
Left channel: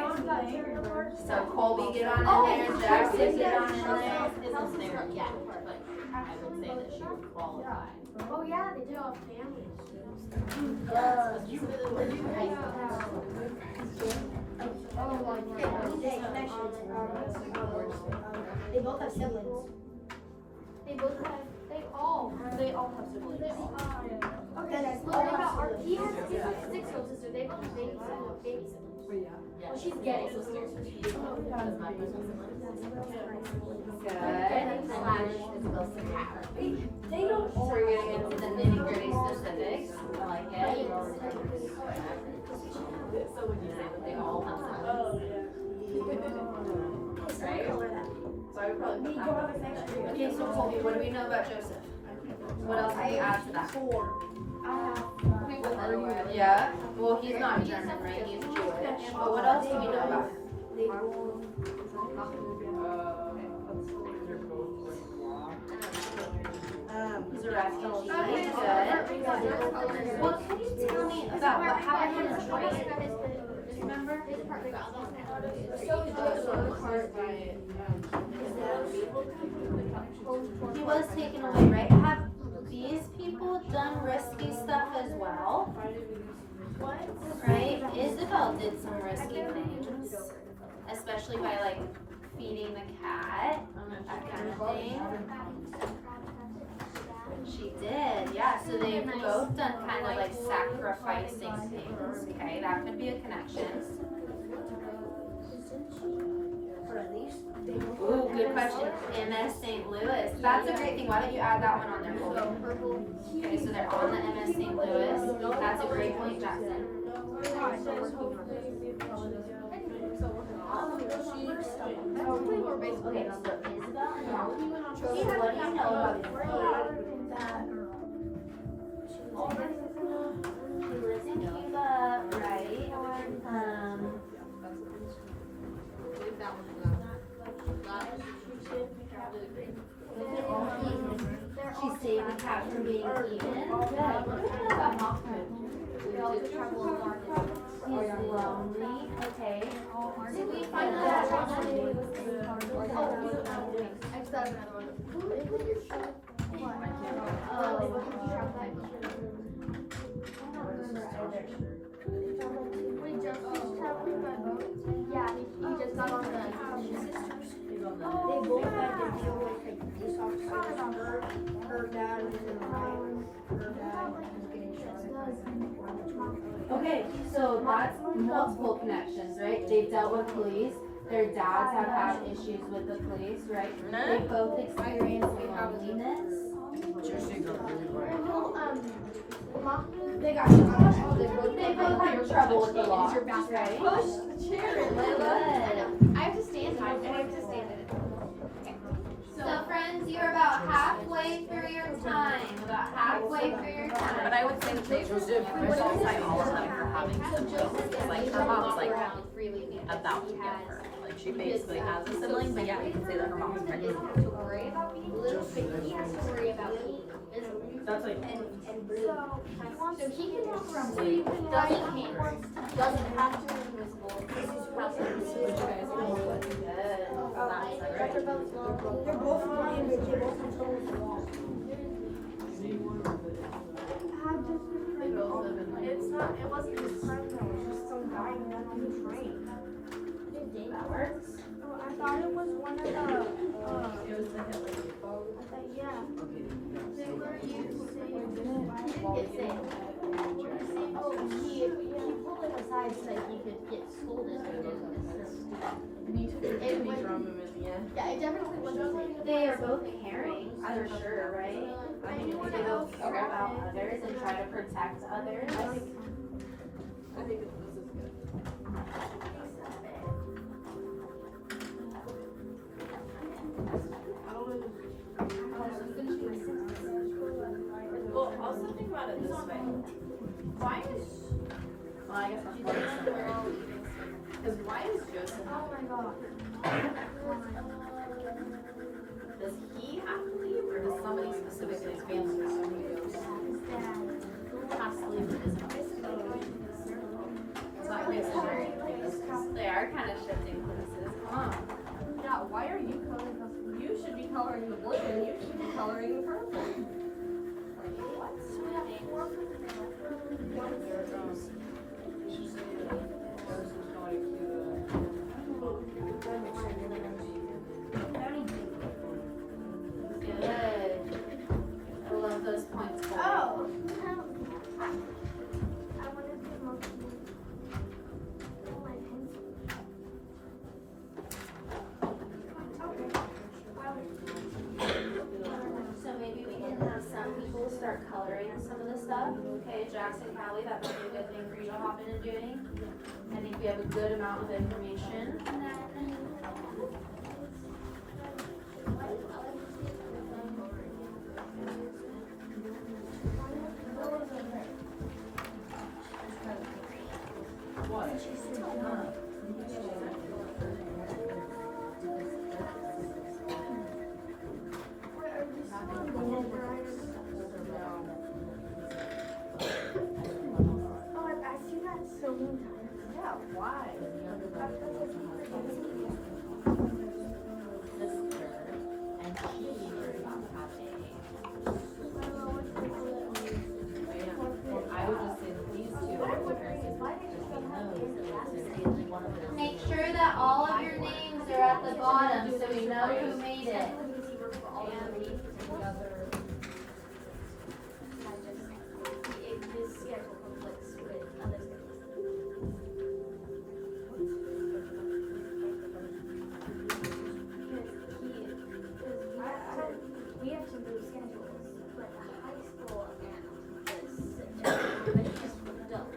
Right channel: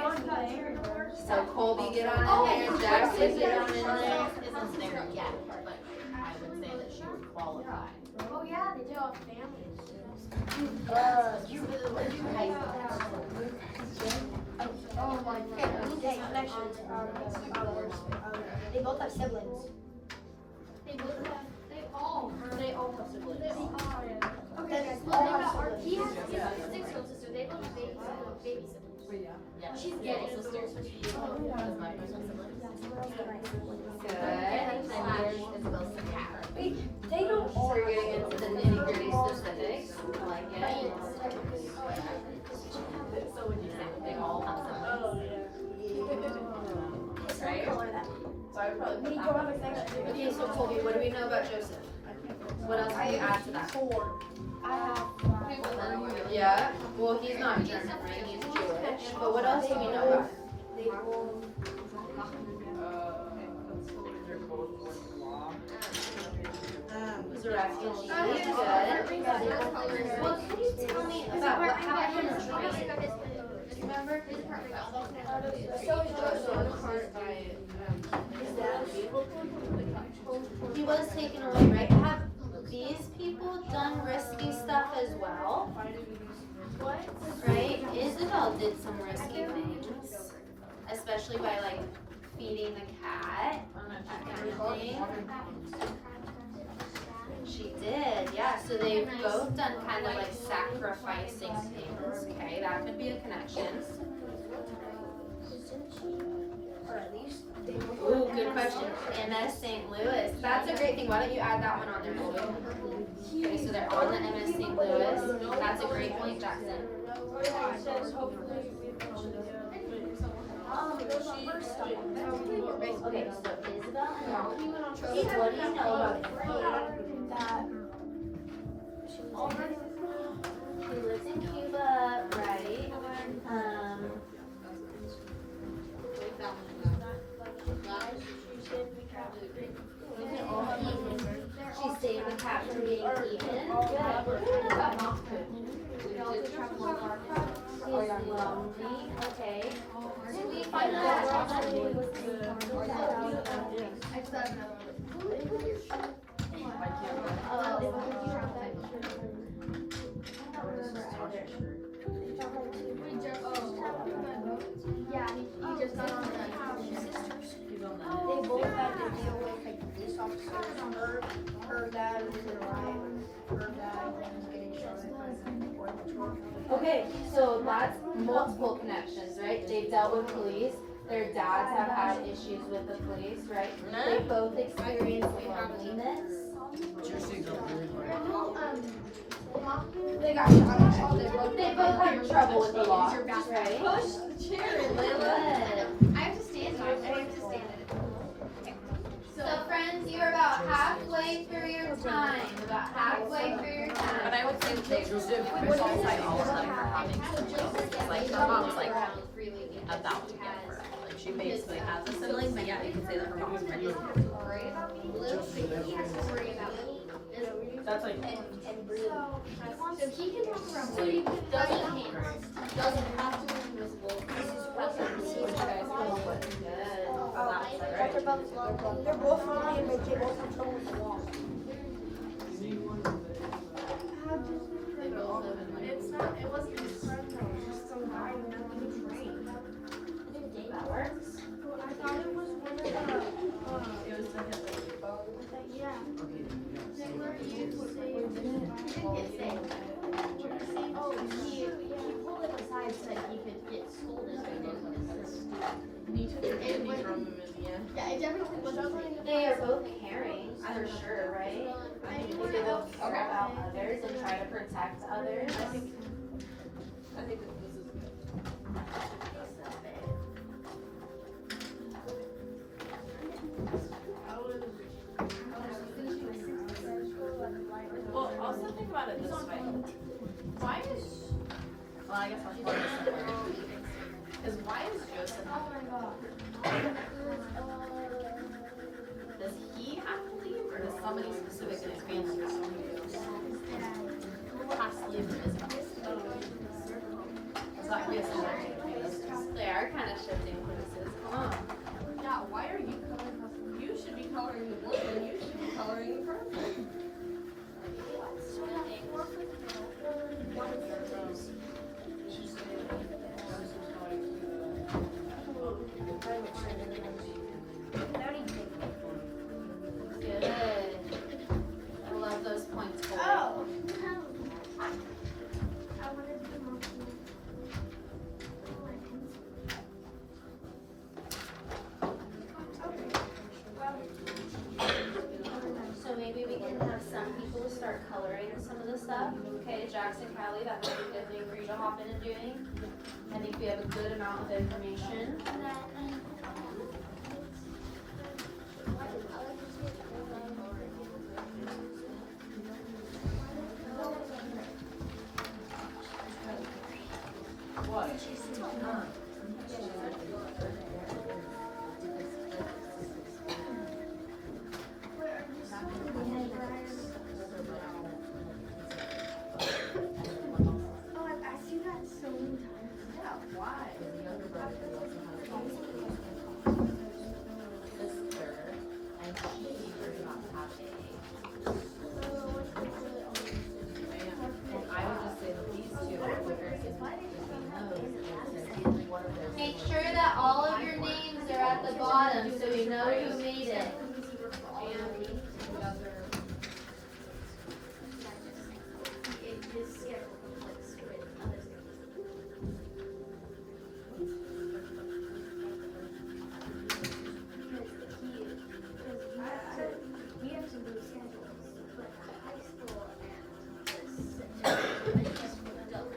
So Colby get on in there, Jackson get on in there. Isn't there yet, but I would say that she would qualify. Oh yeah, they do all families. They both have siblings. They both have, They all have siblings. okay, guys, well, they got our, he has a 6-year-old sister, they both have baby siblings. Yeah. Well, she's getting sisters. Good. They don't So we're gonna get to the nitty gritty specifics. I like it. So would you say that they all have siblings? Right? So I would probably put that one. Okay, so Colby, what do we know about Joseph? What else can you add to that? I have. Yeah, well, he's not German, right? He's Jewish. But what else do we know about him? He's a refugee. Good. What could you tell me about what happened in Detroit? Do you remember? He was taken away, right? Have these people done risky stuff as well? Right? Isabel did some risky things, especially by like feeding the cat, that kind of thing. She did, yeah. So they've both done kind of like sacrificing things. Okay, that could be a connection. Ooh, good question. MS St. Louis. That's a great thing. Why don't you add that one on there for me? Okay, so they're on the MS St. Louis. That's a great point, Jackson. Okay, so he lives in Cuba, right? She saved the cat from being eaten. She's lonely. Okay. Yeah, he just got on the They both had to deal with like police officers. Her dad was in the riot. Her dad was getting shot. Okay, so that's multiple connections, right? They've dealt with police. Their dads have had issues with the police, right? They both experienced loneliness. What's your secret? They got They both had trouble with the law, right? Push the chair in, Good. I have to stand on it. I have to stand it. So friends, you're about halfway through your time. About halfway through your time. But I would say that they Michelle cite all of them for having siblings. Like her mom's like about to give her. Like she basically has a sibling, but yeah, you can say that her mom's pregnant. Worry about me. He has to worry about me. That's like. So he can walk around. So you can doesn't have to be invisible. This is Good. They're both fine, but they both control the law. They both live in like. It wasn't his friend though, it was just some guy who got on the train. That works. I thought it was one of the, it was the Hitler. I thought, yeah. They were used to say, Oh, he pulled it aside so that he could get scolded. Yeah, it definitely was. They are both caring, for sure, right? I think they both care about others and try to protect others. I think this is good. Well, also think about it this way. Why is, well, I guess that's part of the story. Because why is Joseph Oh my god. Does he have to leave, or does somebody specific in his family or somebody else has to leave for Isabel? Is that way it's They are kind of shifting focuses. Come on. Yeah, why are you coloring us? You should be coloring the blue and you should be coloring the purple. Good. I love those points. Oh. So maybe we can have some people start coloring some of the stuff. Okay, Jackson, Callie, that would be a good thing for you to hop in and doing. I think we have a good amount of information. Wait, are you still on the Brian? Oh, I see that so many times. Yeah, why? I would just say that these two are comparisons between those, and one of those. Make sure that all of your names are at the bottom so we know who made it. His schedule conflicts with other schedules. We have to do schedules, but the high school and this don't.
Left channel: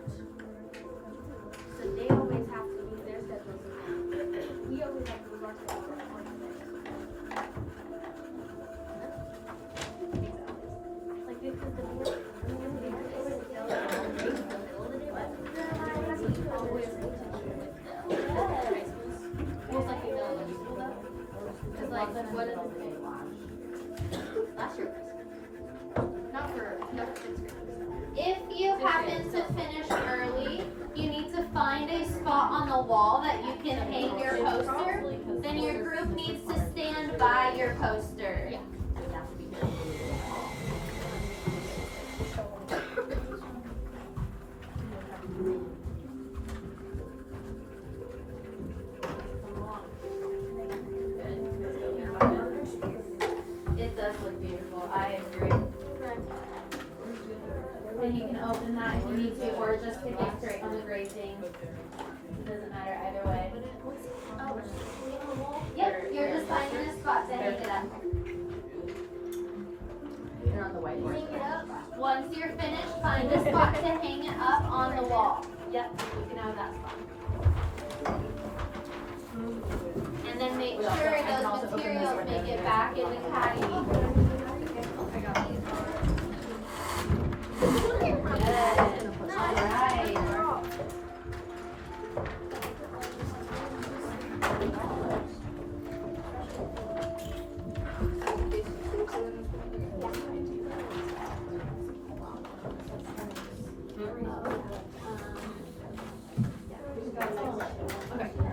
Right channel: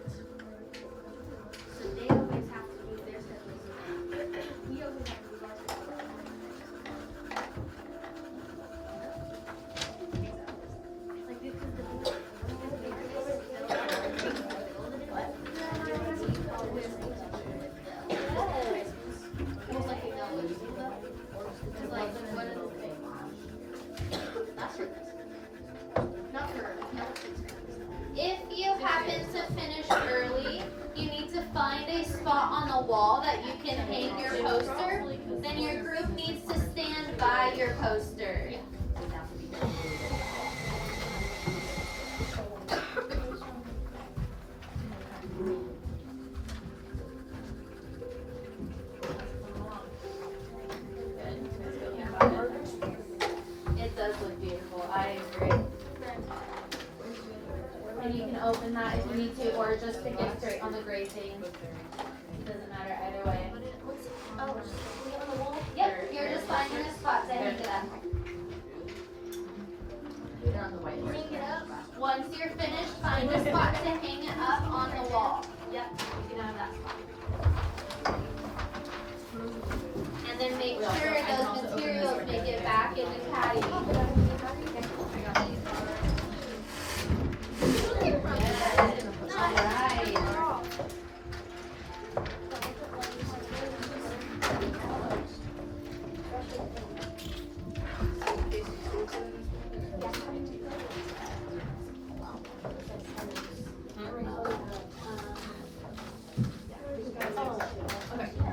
So they always have to do their schedules. We always have to do our schedules. Like because Most likely they'll let you do that. Cause like, what is last year? Not for, no, sixth grade. If you happen to finish early, you need to find a spot on the wall that you can hang your poster. Then your group needs to stand by your poster. Yeah. It does look beautiful, I agree. And you can open that if you need to, or just stick it straight on the gray thing. It doesn't matter either way. Yep, you're just finding a spot to hang it up. They're on the whiteboard. Hang it up. Once you're finished, find a spot to hang it up on the wall. Yep, you can have that spot. And then make sure those materials make it back in the caddy.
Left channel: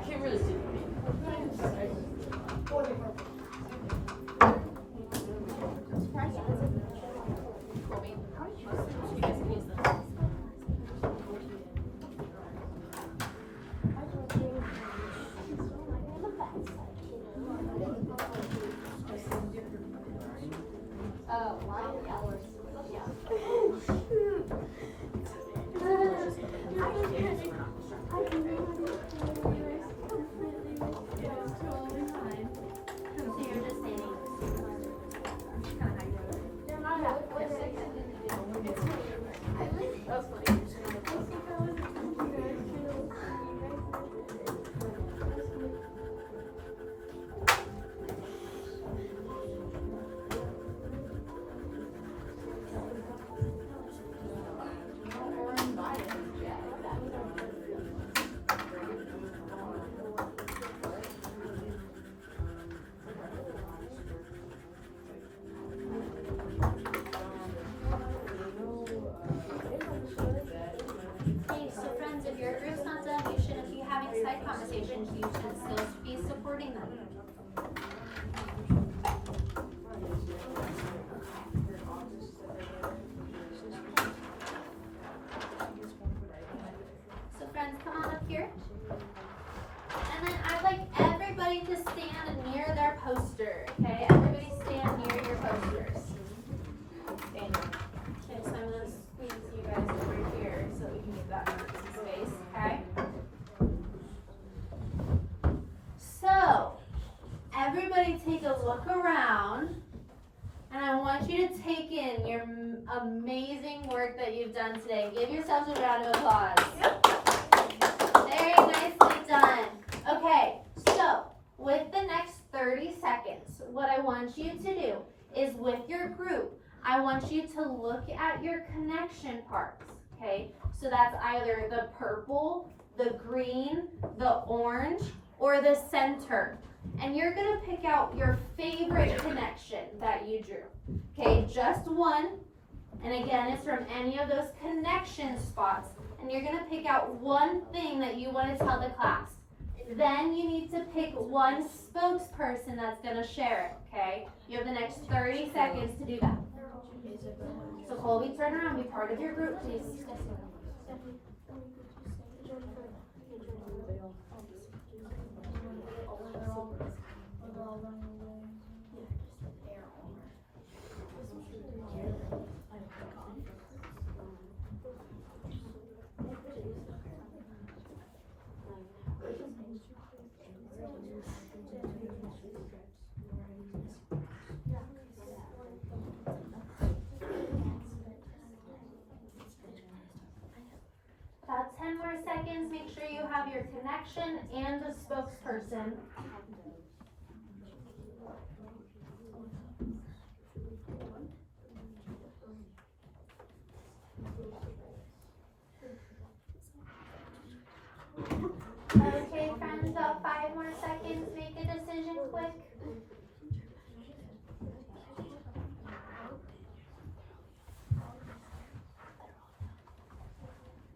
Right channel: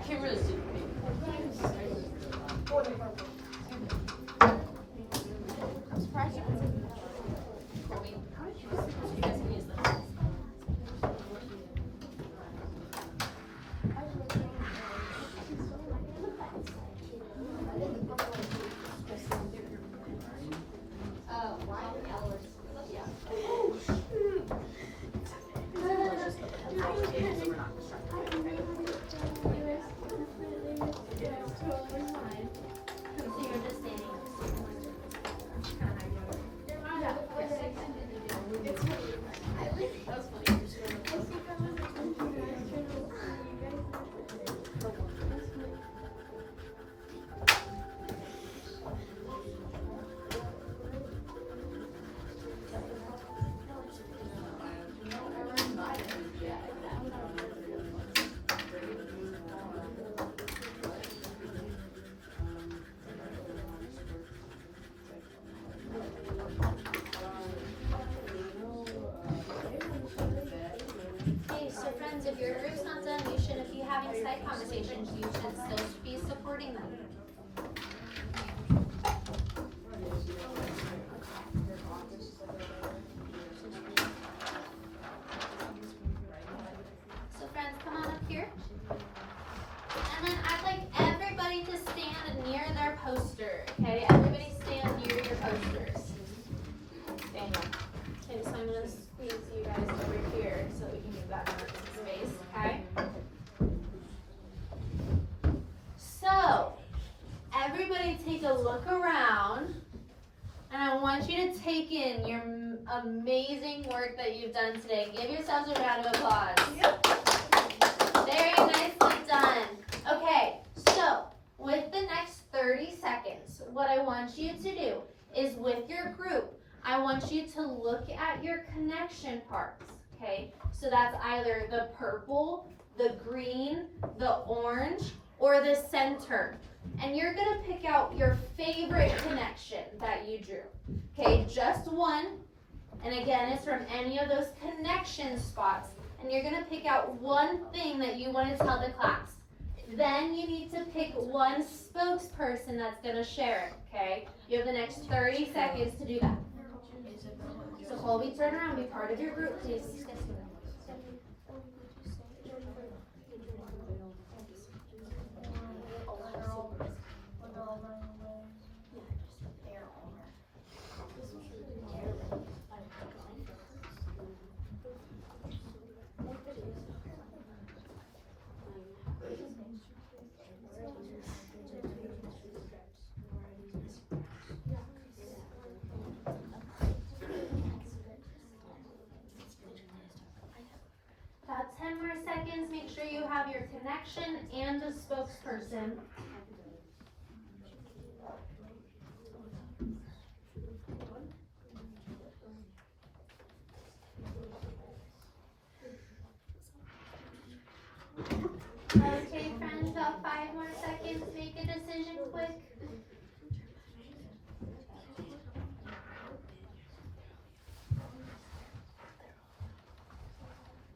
Can't really see. You guys can use this. Oh, wow, yeah. So you're just saying. Hey, so friends, if your group's not done, you shouldn't be having side conversations. You should still be supporting them. So friends, come on up here. And then I'd like everybody to stand near their poster, okay? Everybody stand near your posters. Okay, so I'm gonna squeeze you guys over here so we can get that space, okay? So, everybody take a look around, and I want you to take in your amazing work that you've done today. Give yourselves a round of applause. Very nicely done. Okay, so with the next 30 seconds, what I want you to do is with your group, I want you to look at your connection parts, okay? So that's either the purple, the green, the orange, or the center. And you're gonna pick out your favorite connection that you drew. Okay, just one. And again, it's from any of those connection spots. And you're gonna pick out one thing that you wanna tell the class. Then you need to pick one spokesperson that's gonna share it, okay? You have the next 30 seconds to do that. So Colby, turn around, be part of your group, please. About 10 more seconds, make sure you have your connection and a spokesperson. Okay, friends, about 5 more seconds, make a decision quick.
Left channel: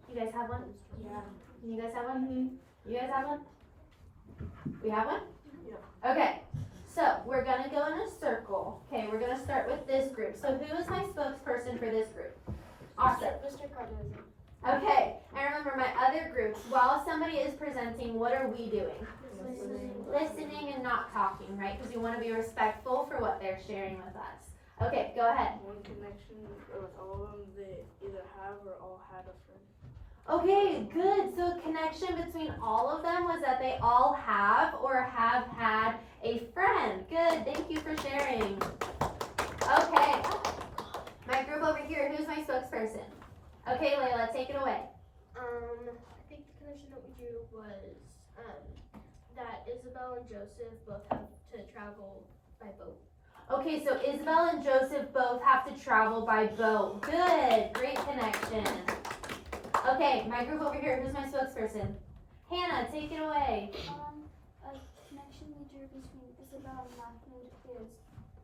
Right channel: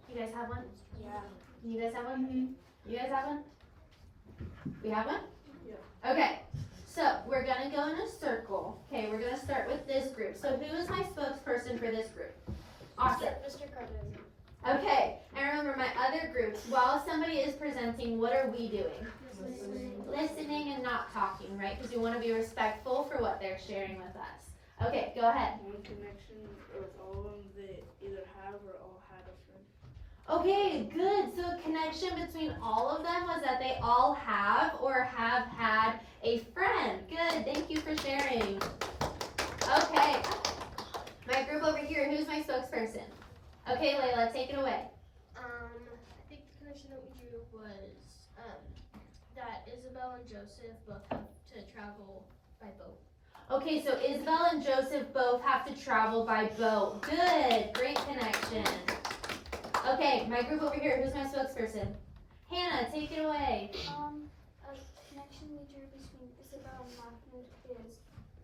You guys have one? Yeah. You guys have one? You guys have one? We have one? Yeah. Okay, so we're gonna go in a circle. Okay, we're gonna start with this group. So who is my spokesperson for this group? Awesome. Mr. Cardozo. Okay, and remember my other groups, while somebody is presenting, what are we doing? Listening and not talking, right? Because we want to be respectful for what they're sharing with us. Okay, go ahead. One connection with all of them that either have or all had a friend. Okay, good. So connection between all of them was that they all have or have had a friend. Good, thank you for sharing. Okay, my group over here, who's my spokesperson? Okay, Layla, take it away. I think the connection that we drew was that Isabel and Joseph both have to travel by boat. Okay, so Isabel and Joseph both have to travel by boat. Good, great connection. Okay, my group over here, who's my spokesperson? Hannah, take it away. A connection we drew between Isabel and Mahmoud is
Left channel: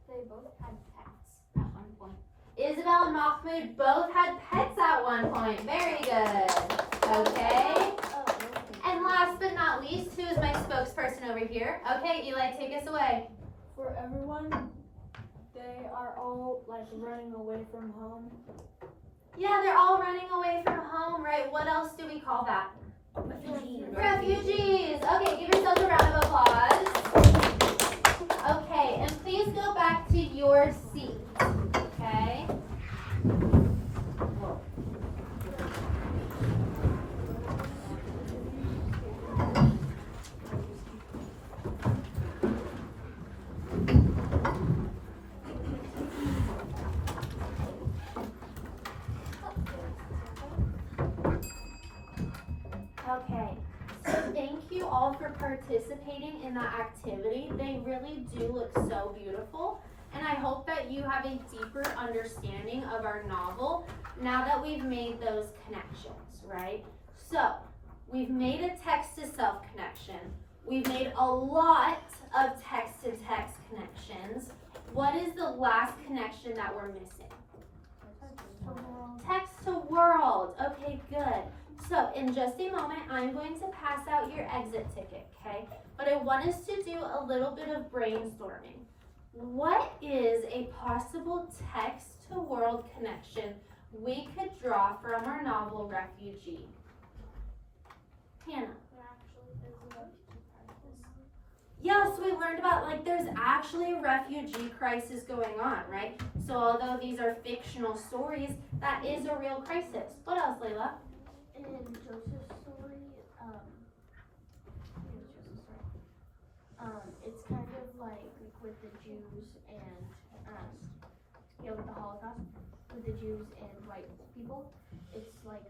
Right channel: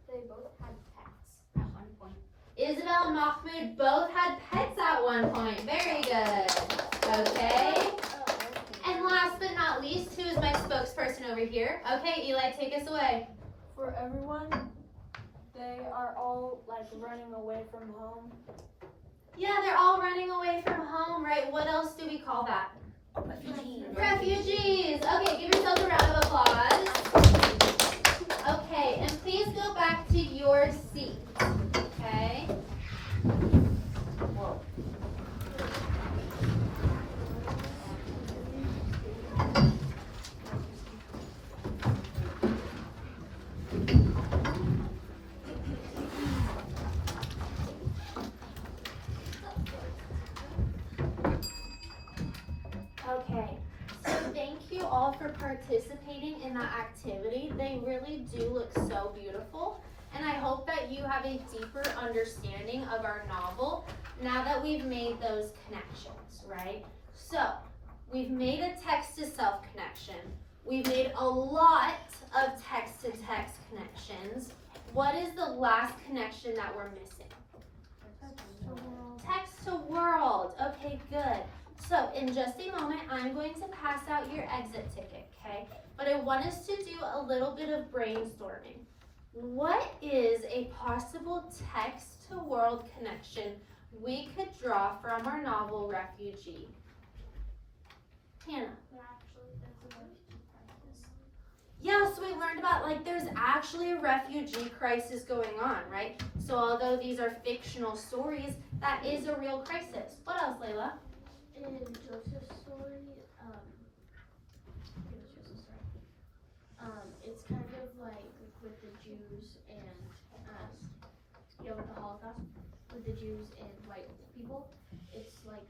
they both had pets at one point. Isabel and Mahmoud both had pets at one point. Very good. Okay. And last but not least, who is my spokesperson over here? Okay, Eli, take us away. For everyone, they are all like running away from home. Yeah, they're all running away from home, right? What else do we call that? Refugees. Okay, give yourselves a round of applause. Okay, and please go back to your seat. Okay. Okay, so thank you all for participating in that activity. They really do look so beautiful, and I hope that you have a deeper understanding of our novel now that we've made those connections, right? So, we've made a text-to-self connection. We've made a lot of text-to-text connections. What is the last connection that we're missing? Text to world. Okay, good. So in just a moment, I'm going to pass out your exit ticket, okay? But I want us to do a little bit of brainstorming. What is a possible text to world connection we could draw from our novel Refugee? Hannah. Yeah, so we learned about, like, there's actually a refugee crisis going on, right? So although these are fictional stories, that is a real crisis. What else, Layla? In Joseph's story, it's kind of like with the Jews and, with the Holocaust, with the Jews and white people. It's like,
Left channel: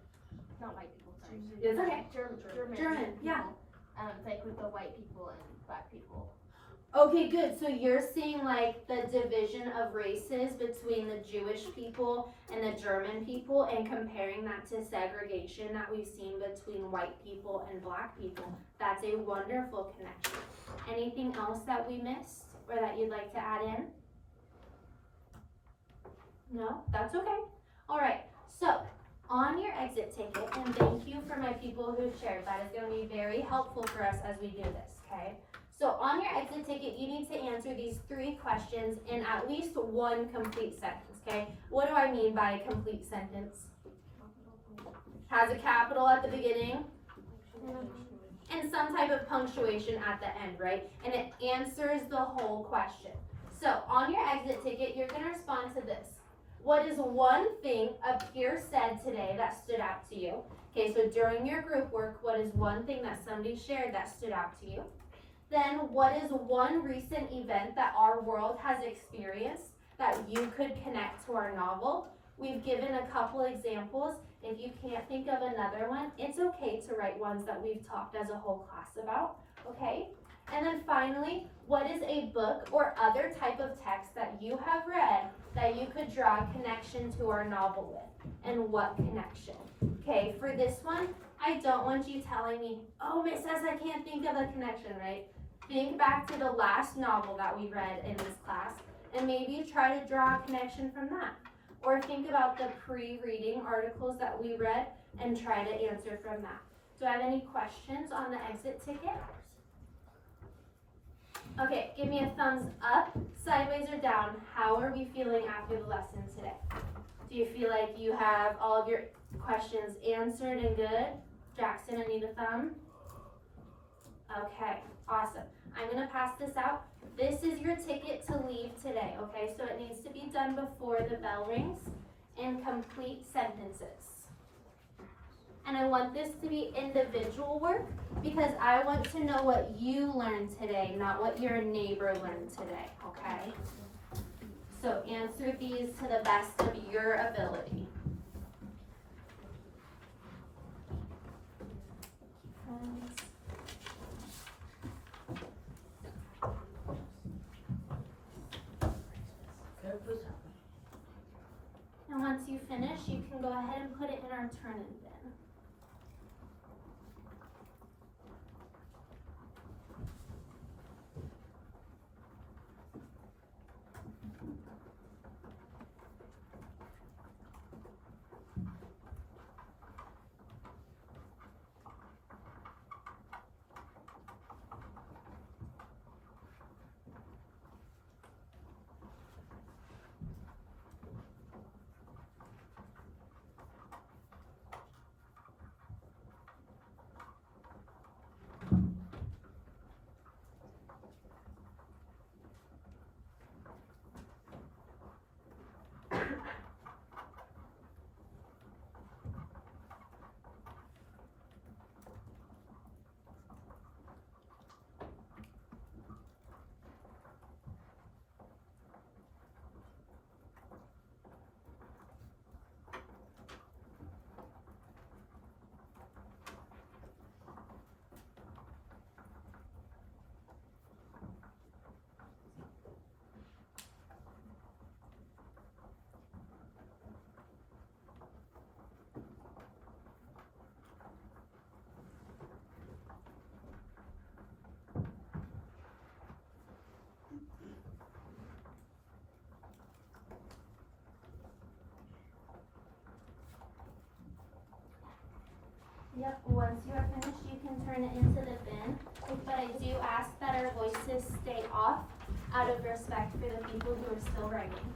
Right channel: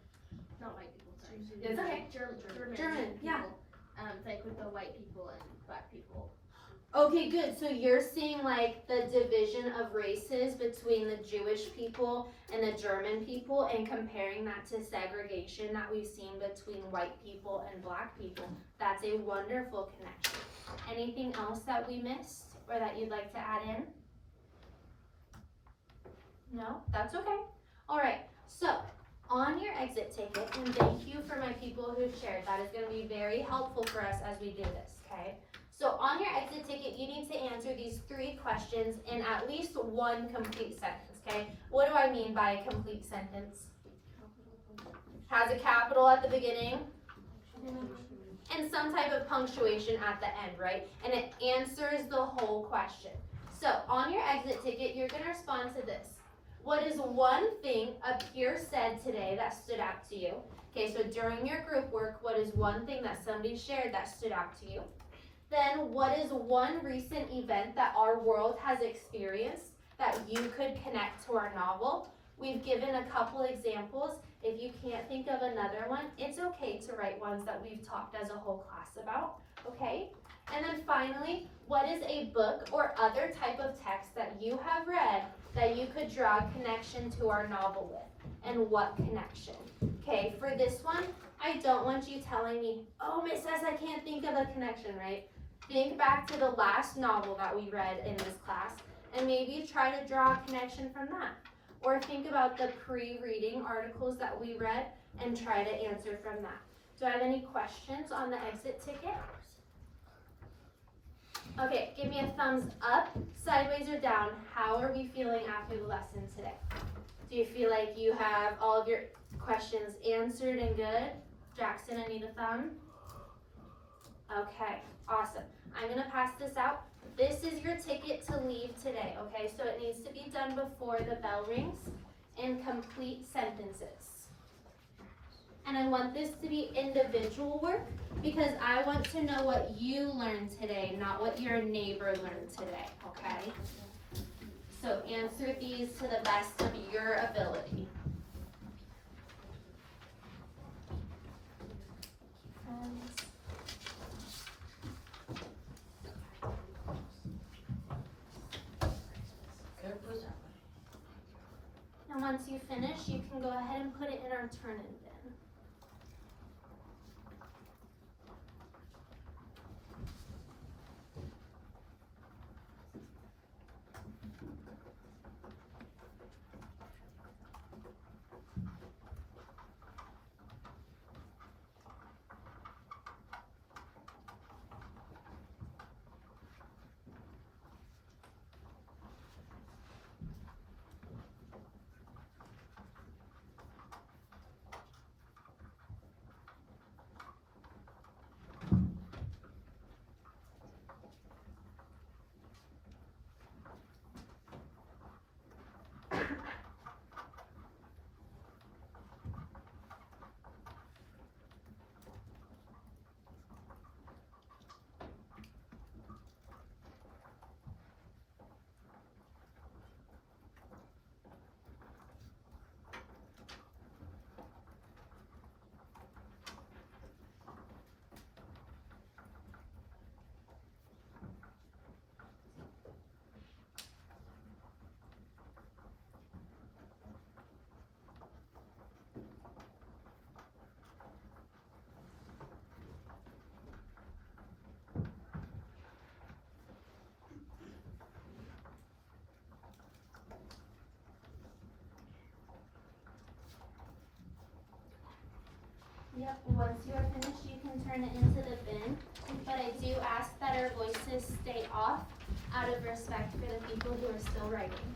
not white people, sorry. It's okay. German German, people. yeah. It's like with the white people and black people. Okay, good. So you're seeing like the division of races between the Jewish people and the German people and comparing that to segregation that we've seen between white people and black people. That's a wonderful connection. Anything else that we missed or that you'd like to add in? No? That's okay. All right. So on your exit ticket, and thank you for my people who shared. That is going to be very helpful for us as we do this, okay? So on your exit ticket, you need to answer these 3 questions in at least one complete sentence, okay? What do I mean by a complete sentence? Has a capital at the beginning and some type of punctuation at the end, right? And it answers the whole question. So on your exit ticket, you're gonna respond to this. What is one thing a peer said today that stood out to you? Okay, so during your group work, what is one thing that somebody shared that stood out to you? Then what is one recent event that our world has experienced that you could connect to our novel? We've given a couple examples. If you can't think of another one, it's okay to write ones that we've talked as a whole class about, okay? And then finally, what is a book or other type of text that you have read that you could draw a connection to our novel with? And what connection? Okay, for this one, I don't want you telling me, oh, Miss S, I can't think of a connection, right? Think back to the last novel that we read in this class and maybe try to draw a connection from that. Or think about the pre-reading articles that we read and try to answer from that. Do I have any questions on the exit ticket? Okay, give me a thumbs up, sideways, or down. How are we feeling after the lesson today? Do you feel like you have all of your questions answered and good? Jackson, I need a thumb. Okay, awesome. I'm gonna pass this out. This is your ticket to leave today, okay? So it needs to be done before the bell rings in complete sentences. And I want this to be individual work because I want to know what you learned today, not what your neighbor learned today, okay? So answer these to the best of your ability. And once you finish, you can go ahead and put it in our turn-in bin. Yep, once you are finished, you can turn it into the bin, but I do ask that our voices stay off out of respect for the people who are still writing.